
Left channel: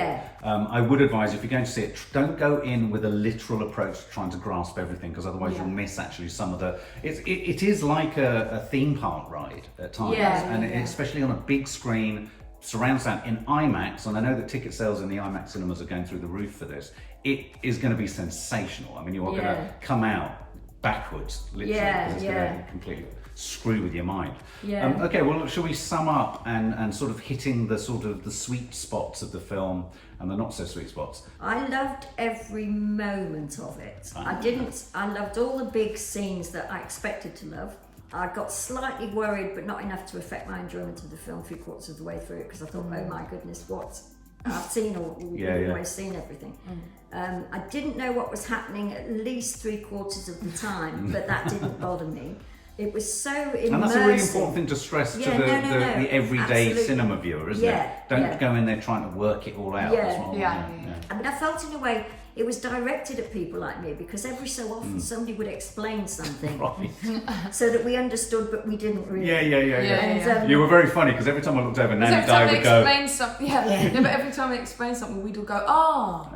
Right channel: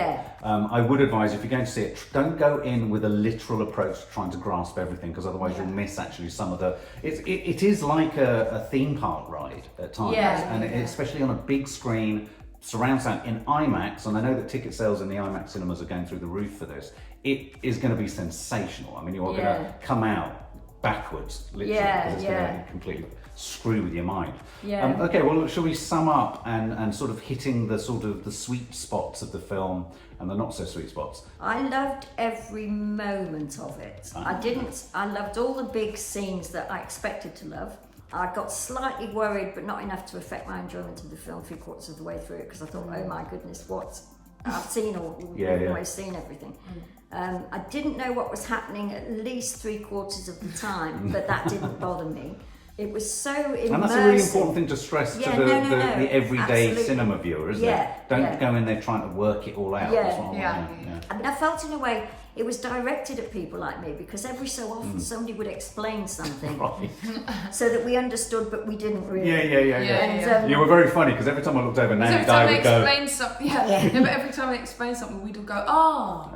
I would advise, if you're going to see it, don't go in with a literal approach to trying to grasp everything, because otherwise you'll miss actually some of the. It is like a theme park ride at times, especially on a big screen, surround sound in IMAX. And I know that ticket sales in the IMAX cinemas are going through the roof for this. It is going to be sensational. I mean, you are going to come out backwards, literally, because it's going to completely screw with your mind. Okay, well, shall we sum up and sort of hitting the sweet spots of the film and the not so sweet spots? I loved every moment of it. I loved all the big scenes that I expected to love. I got slightly worried, but not enough to affect my enjoyment of the film 3/4 of the way through it, because I thought, oh my goodness, what I've seen we've always seen everything. I didn't know what was happening at least 3/4 of the time, but that didn't bother me. It was so immersive. And that's a really important thing to stress to the everyday cinema viewer, isn't it? Don't go in there trying to work it all out as well. And I felt in a way, it was directed at people like me because every so often somebody would explain something so that we understood but we didn't really. Yeah. You were very funny because every time I looked over, Nanny Di would go. But every time they explained something, we'd all go, "Oh."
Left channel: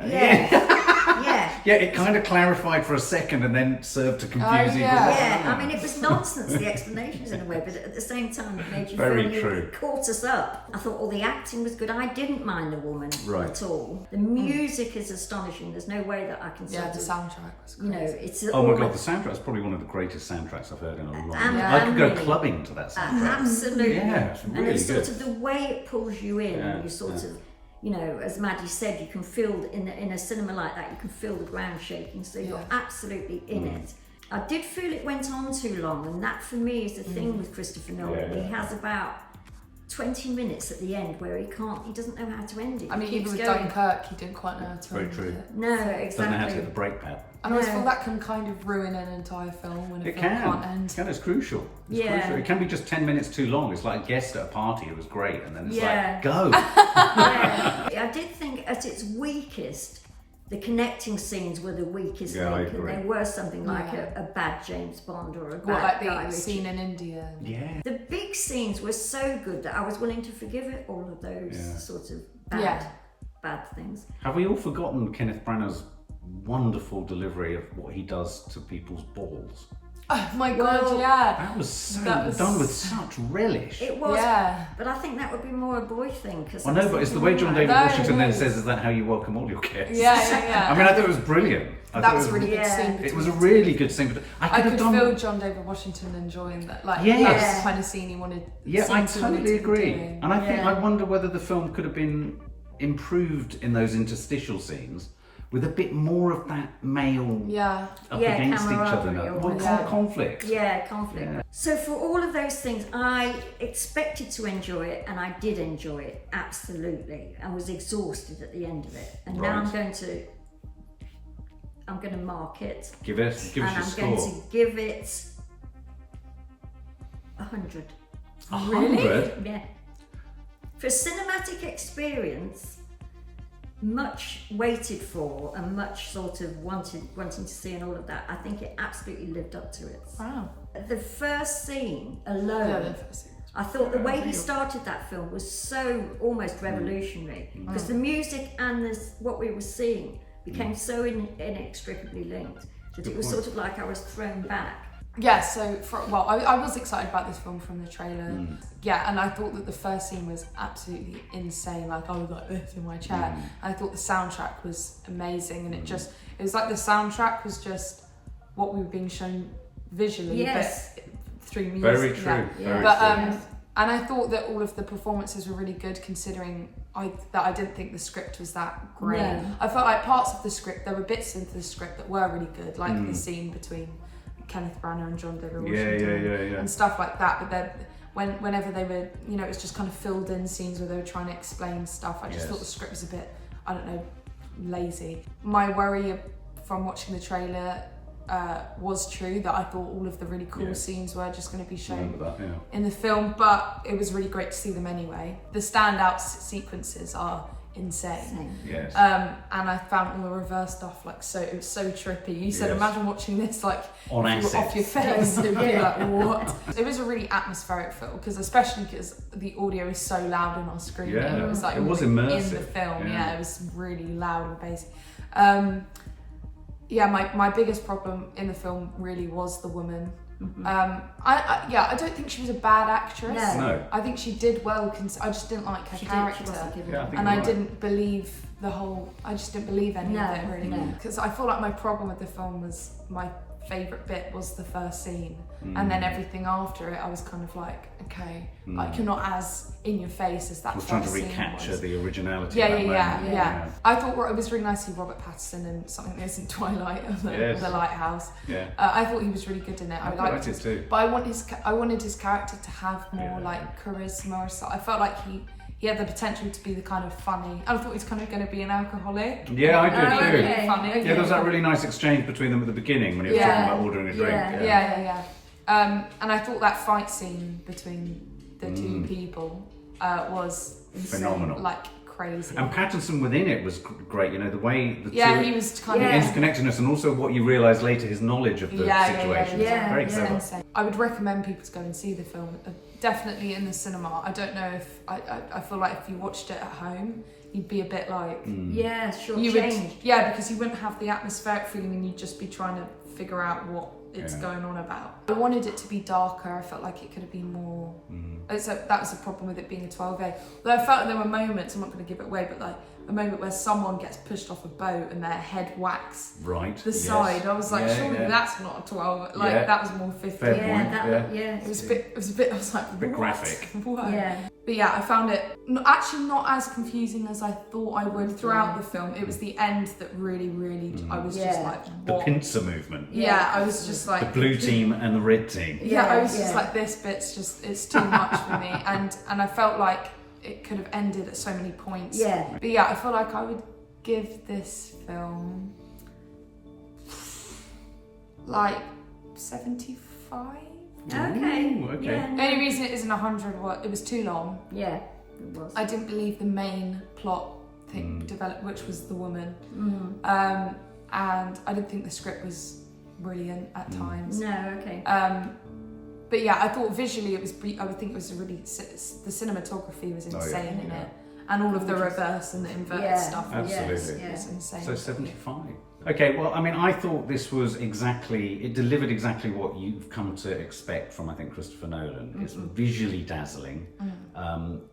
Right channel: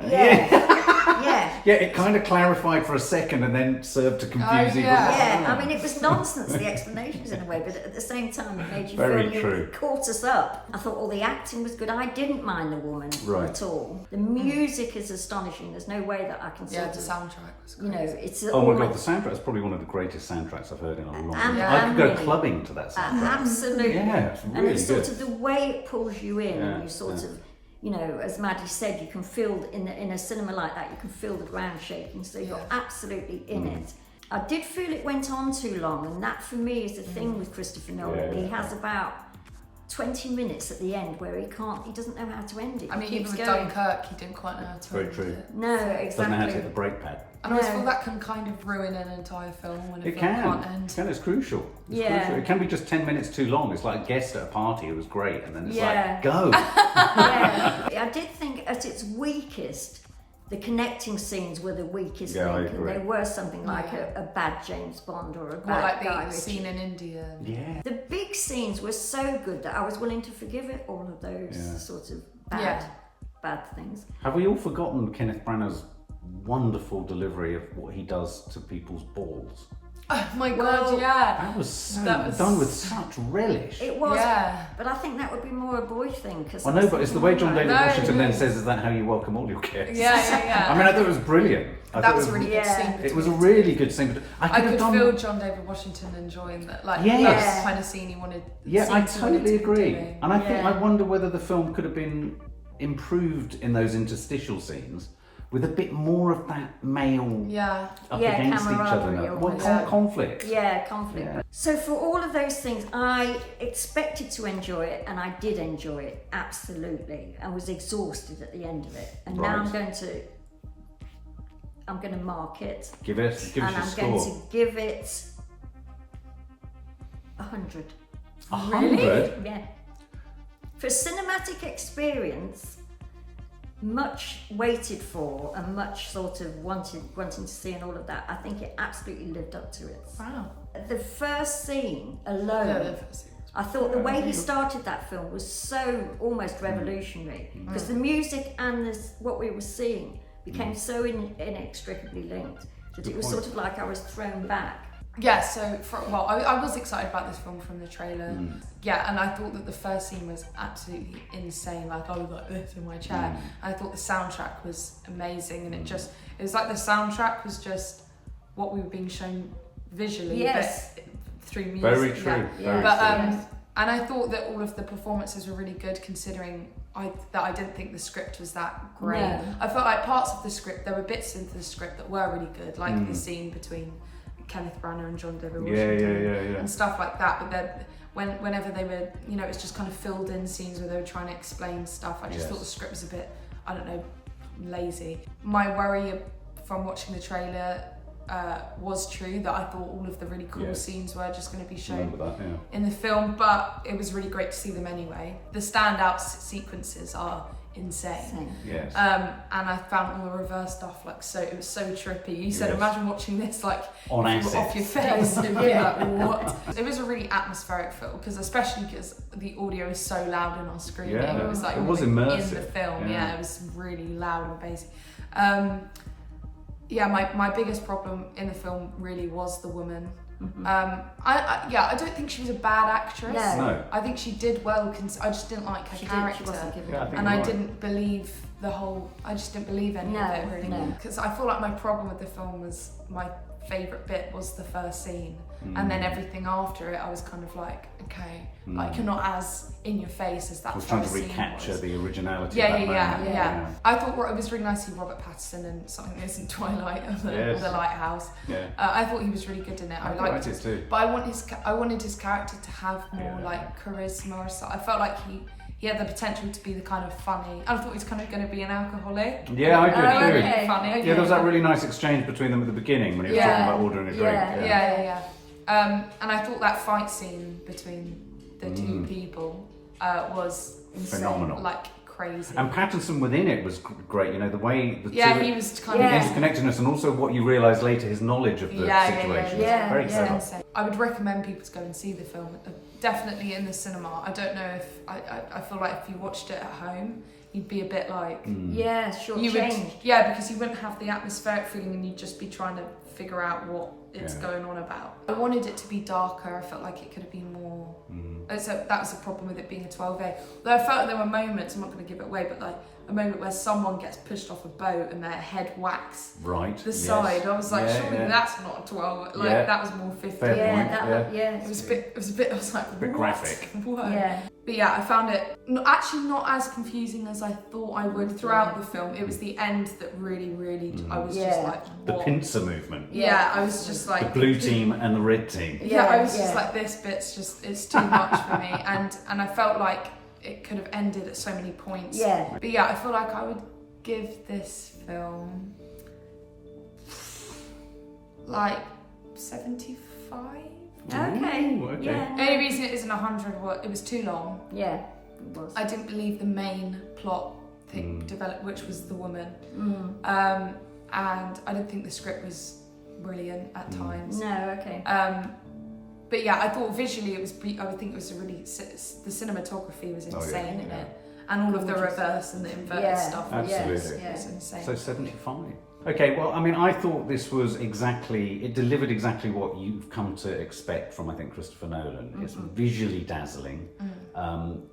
Yeah, it kind of clarified for a second and then served to confuse you. I mean, it was nonsense, the explanations in a way, but at the same time, it made you Very feel true. you caught us up. I thought all the acting was good. I didn't mind the woman at all. The music is astonishing. There's no way that I can say. Yeah, the soundtrack was crazy. You know, it's oh my god, the soundtrack is probably one of the greatest soundtracks I've heard in a long time. I could go clubbing to that soundtrack. Absolutely. Yeah, it's really and it's good. sort of the way it pulls you in, and you sort of, you know, as Maddie said, you can feel in a cinema like that, you can feel the ground shaking, so you're absolutely in it. I did feel it went on too long, and that for me is the thing with Christopher Nolan. He has about 20 minutes at the end where he doesn't know how to end it. I mean, even with Dunkirk, he didn't quite know how to end it. No, exactly. Doesn't know how to hit the brake pad. And I always feel that can kind of ruin an entire film when a film can't end. It can, it's crucial. It's crucial. It can be just 10 minutes too long. It's like a guest at a party who was great, and then it's like, go. I did think at its weakest, the connecting scenes were the weakest link, and there were something like a bad James Bond or a bad like guy the scene in India. Yeah. The big scenes were so good that I was willing to forgive it, all of those sort of bad things. Have we all forgotten Kenneth Branagh's wonderful delivery of what he does to people's balls? Oh my god, That was done with such relish. It was, but I think that would be more a boy thing. I know, but it's the way John David Washington then says, "Is that how you welcome all your guests?" Yeah. I mean, I thought it was brilliant. That was a really good scene. It was a really good scene. But I could feel John David Washington enjoying that. Like that's the kind of scene he wanted. Yeah, I totally agree. And I wonder whether the film could have been improved in those interstitial scenes with a bit more of that male up against each other. Conflict. Yeah, conflict. Yeah. So for all of those things, I expected to enjoy it, and I did enjoy it, absolutely. I was exhausted at the end of it. And now I'm going to mark it. Give us your score. I'm going to give it 100. 100? Yeah. For cinematic experience, much waited for and much sort of wanting to see and all of that, I think it absolutely lived up to it. Wow. The first scene alone, I thought the way he started that film was so almost revolutionary, because the music and what we were seeing became so inextricably linked that it was sort of like I was thrown back. Yeah, so I was excited about this film from the trailer. Yeah, and I thought that the first scene was absolutely insane. Like I was like this in my chair. And I thought the soundtrack was amazing, and it was like the soundtrack was just what we were being shown visually, but through music. Very true. Yeah. And I thought that all of the performances were really good, considering that I didn't think the script was that great. No. I felt like parts of the script, there were bits into the script that were really good, like the scene between Kenneth Branagh and John David Washington and stuff like that. But then whenever they were, you know, it was just kind of filled in scenes where they were trying to explain stuff. I just thought the script was a bit, I don't know, lazy. My worry from watching the trailer was true, that I thought all of the really cool scenes were just going to be shown in the film, but it was really great to see them anyway. The standout sequences are insane. Yes. And I found all the reverse stuff it was so trippy. You said, imagine watching this like on if you were off your face. It'd be like, what? It was a really atmospheric film, especially because the audio is so loud in our screen. Yeah. It was like it was immersive in the film. Yeah, it was really loud and bassy. My biggest problem in the film really was the woman. I don't think she was a bad actress. No. I think she did well. I just didn't like her character, and I didn't believe I just didn't believe any of it really. Because I feel like my problem with the film was my favourite bit was the first scene, and then everything after it I was kind of like, okay, like you're not as in your face as that first scene was. Trying to recapture the originality. Yeah. I thought it was really nice to see Robert Pattinson in something that isn't Twilight of the Lighthouse. I thought he was really good in it. I liked it too. But I wanted his character to have more like charisma or something. I felt like he had the potential to be the kind of funny. I thought he was kind of going to be an alcoholic. Yeah, I did too. Really funny. Yeah, there was that really nice exchange between them at the beginning when he was talking about ordering a drink. Yeah. And I thought that fight scene between the two people was phenomenal. Like crazy. And Pattinson within it was great, you know, the way the he was kind of interconnectedness, and also what you realise later, his knowledge of the situation. Very clever. I would recommend people to go and see the film, definitely in the cinema. I don't know if I feel like if you watched it at home, you'd be a bit like because you wouldn't have the atmospheric feeling, and you'd just be trying to figure out what it's going on about. I wanted it to be darker. I felt like it could have been more. So that was the problem with it being a 12A. Though I felt like there were moments, I'm not going to give it away, but like a moment where someone gets pushed off a boat and their head whacks the side. I was like, surely that's not a 12. Like that was more 15. It was a bit. I was like, a bit graphic. What? Yeah. But yeah, I found it actually not as confusing as I thought I would throughout the film. It was the end that really, I was just like, what? The pincer movement. Yeah, I was just like the blue team and the red team. Yeah, I was just like, this bit's just, it's too much for me, and I felt like it could have ended at so many points. Yeah. But yeah, I feel like I would give this film like 75. Okay. Ooh, okay. Yeah. The only reason it isn't 100 was it was too long. Yeah, it was. I didn't believe the main plot thing developed, which was the woman. And I didn't think the script was brilliant at times. No, okay. But yeah, I thought visually it was. I would think it was a really. The cinematography was insane in it, and all of the reverse and the inverted stuff was insane. So 75. Okay, well, I mean, I thought this was it delivered exactly what you've come to expect from, I think, Christopher Nolan. It's visually dazzling.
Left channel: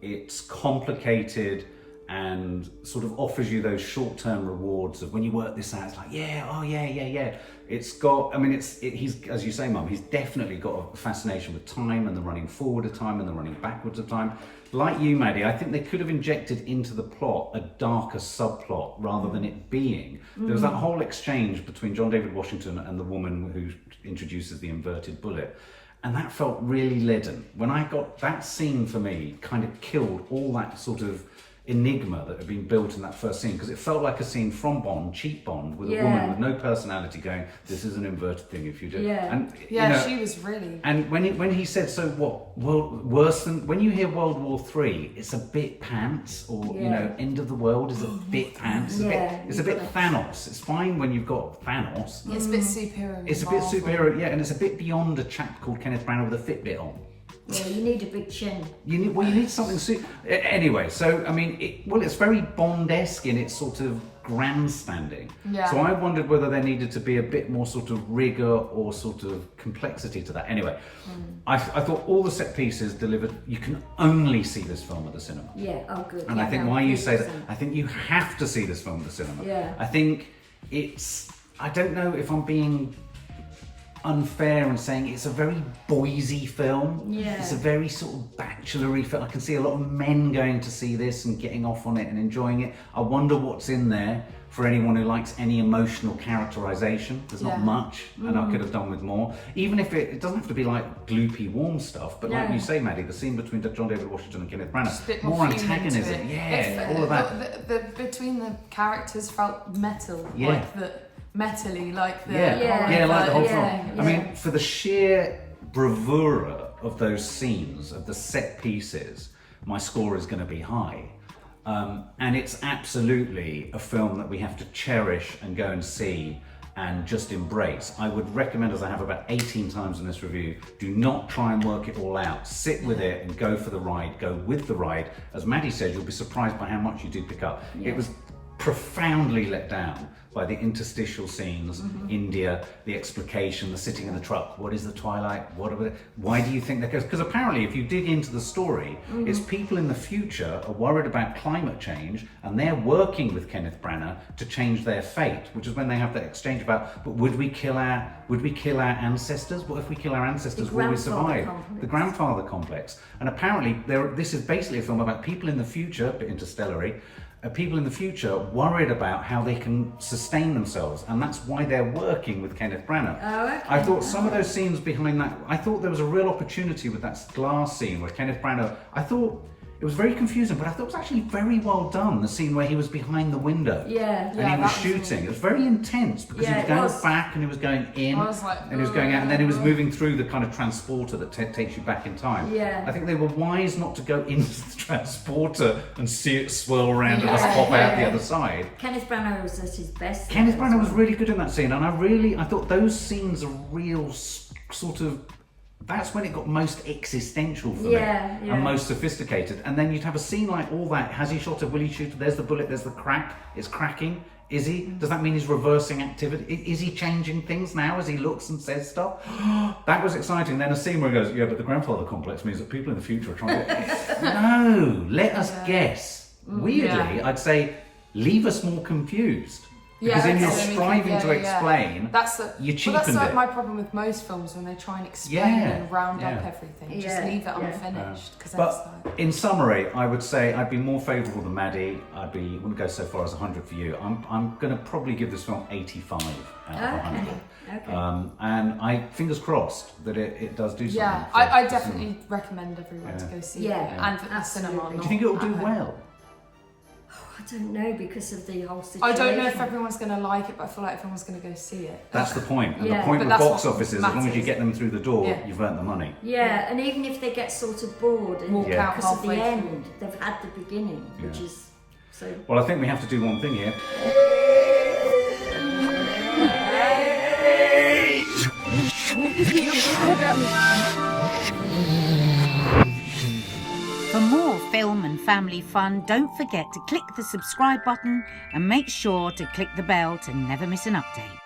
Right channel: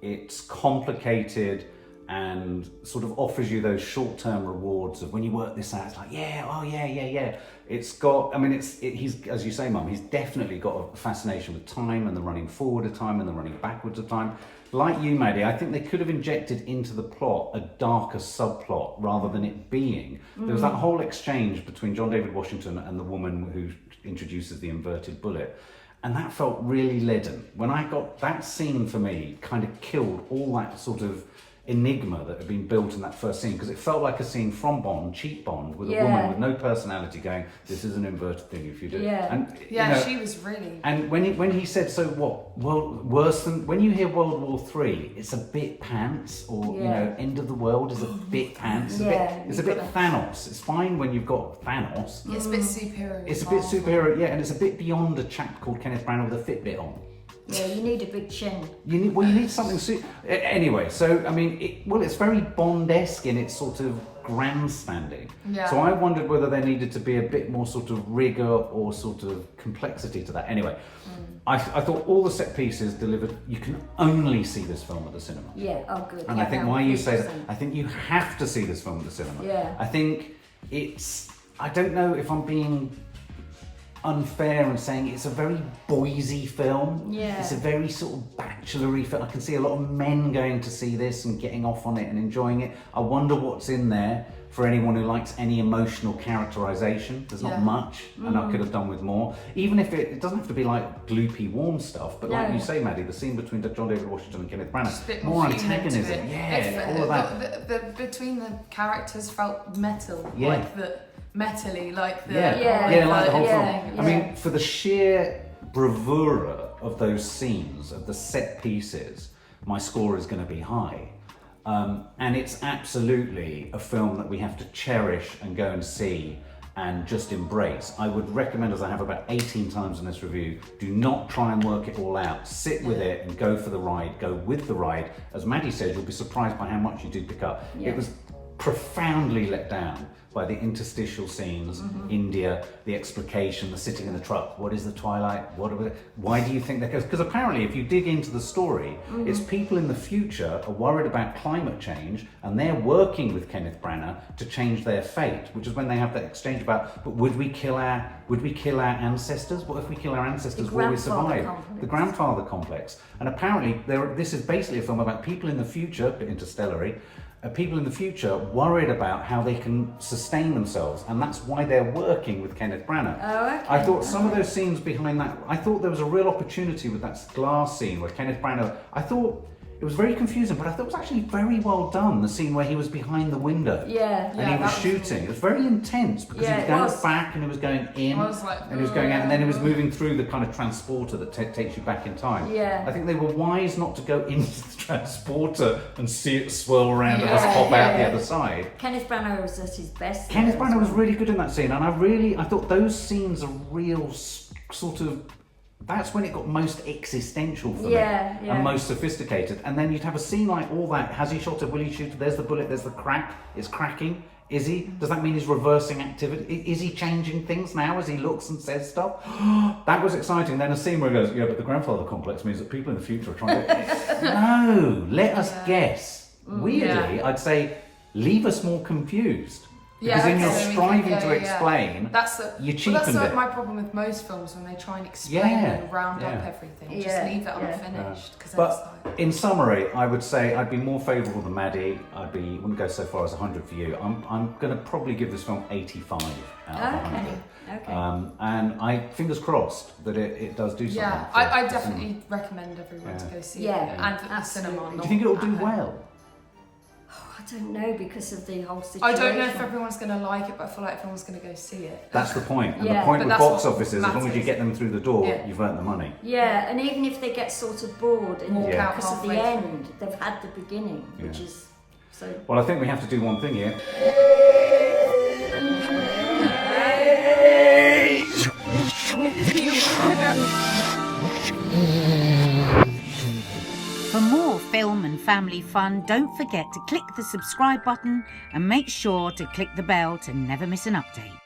It's complicated and sort of offers you those short-term rewards of when you work this out, it's like, yeah. It's got, I mean, he's, as you say, Mum, he's definitely got a fascination with time and the running forward of time and the running backwards of time. Like you, Maddie, I think they could have injected into the plot a darker subplot rather than it being. There was that whole exchange between John David Washington and the woman who introduces the inverted bullet. And that felt really leaden. When I got that scene, for me, kind of killed all that sort of enigma that had been built in that first scene, because it felt like a scene from Bond, cheap Bond, with a woman with no personality going, this is an inverted thing if you do. And, you know, she was really. And when he said, so what, well, worse than, when you hear World War III, it's a bit pants, or, you know, end of the world is a bit pants. It's a bit Thanos. It's fine when you've got Thanos. It's a bit superhero. It's a bit superhero, and it's a bit beyond a chap called Kenneth Branagh with a Fitbit on. Yeah, you need a big chin. You need something. Anyway, so I mean, it's very Bond-esque in its sort of grandstanding. Yeah. So I wondered whether there needed to be a bit more sort of rigor or sort of complexity to that. Anyway, I thought all the set pieces delivered. You can only see this film at the cinema. Yeah. Oh, good. And I think why you say that, I think you have to see this film at the cinema. Yeah. I think I don't know if I'm being unfair and saying it's a very boysy film. Yeah. It's a very sort of bachelory film. I can see a lot of men going to see this and getting off on it and enjoying it. I wonder what's in there for anyone who likes any emotional characterization. There's not much, and I could have done with more. Even if it doesn't have to be like gloopy, warm stuff, but like you say, Maddie, the scene between John David Washington and Kenneth Branagh, more antagonism. All of that. The between the characters felt metal, like the metally, like the like the whole film. I mean, for the sheer bravura of those scenes, of the set pieces, my score is going to be high. And it's absolutely a film that we have to cherish and go and see and just embrace. I would recommend, as I have about 18 times in this review, do not try and work it all out. Sit with it and go for the ride, go with the ride. As Maddie said, you'll be surprised by how much you do pick up. It was profoundly let down by the interstitial scenes, India, the explication, the sitting in the truck. What is the twilight? Why do you think that goes? Because apparently, if you dig into the story, it's people in the future are worried about climate change, and they're working with Kenneth Branagh to change their fate. Which is when they have that exchange about, but would we kill our ancestors? What if we kill our ancestors? Will we survive? The grandfather complex. And apparently, this is basically a film about people in the future, a bit interstellar-y, people in the future worried about how they can sustain themselves, and that's why they're working with Kenneth Branagh. Oh, okay. I thought some of those scenes behind that, I thought there was a real opportunity with that glass scene where Kenneth Branagh, I thought It was very confusing, but I thought it was actually very well done. The scene where he was behind the window, and he was shooting. It was very intense because he was going back and he was going in, and he was going out, and then he was moving through the kind of transporter that takes you back in time. Yeah. I think they were wise not to go into the transporter and see it swirl around and just pop out the other side. Kenneth Branagh was at his best. Kenneth Branagh was really good in that scene, and I thought those scenes are real sort of. That's when it got most existential for me and most sophisticated. And then you'd have a scene like all that. Has he shot it? Will he shoot it? There's the bullet, there's the crack. It's cracking. Is he? Does that mean he's reversing activity? Is he changing things now as he looks and says stuff? That was exciting. Then a scene where he goes, but the grandfather complex means that people in the future are trying to... No, let us guess. Weirdly, I'd say, leave us more confused. Because then you're striving to explain, you cheapened it. That's my problem with most films, when they try and explain and round up everything. Just leave it unfinished. But in summary, I would say I'd be more favourable than Maddie. Wouldn't go so far as 100 for you. I'm going to probably give this film 85 out of 100. Okay. And I fingers crossed that it does do something. Yeah, I definitely recommend everyone to go see it. And at the cinema. Do you think it'll do well? I don't know, because of the whole situation. I don't know if everyone's going to like it, but I feel like everyone's going to go see it. That's the point. And the point with box office is, as long as you get them through the door, you've earned the money. Yeah, and even if they get sort of bored and walk out because of halfway the end, they've had the beginning, which is so... Well, I think we have to do one thing here. For more film and family fun, don't forget to click the subscribe button and make sure to click the bell to never miss an update.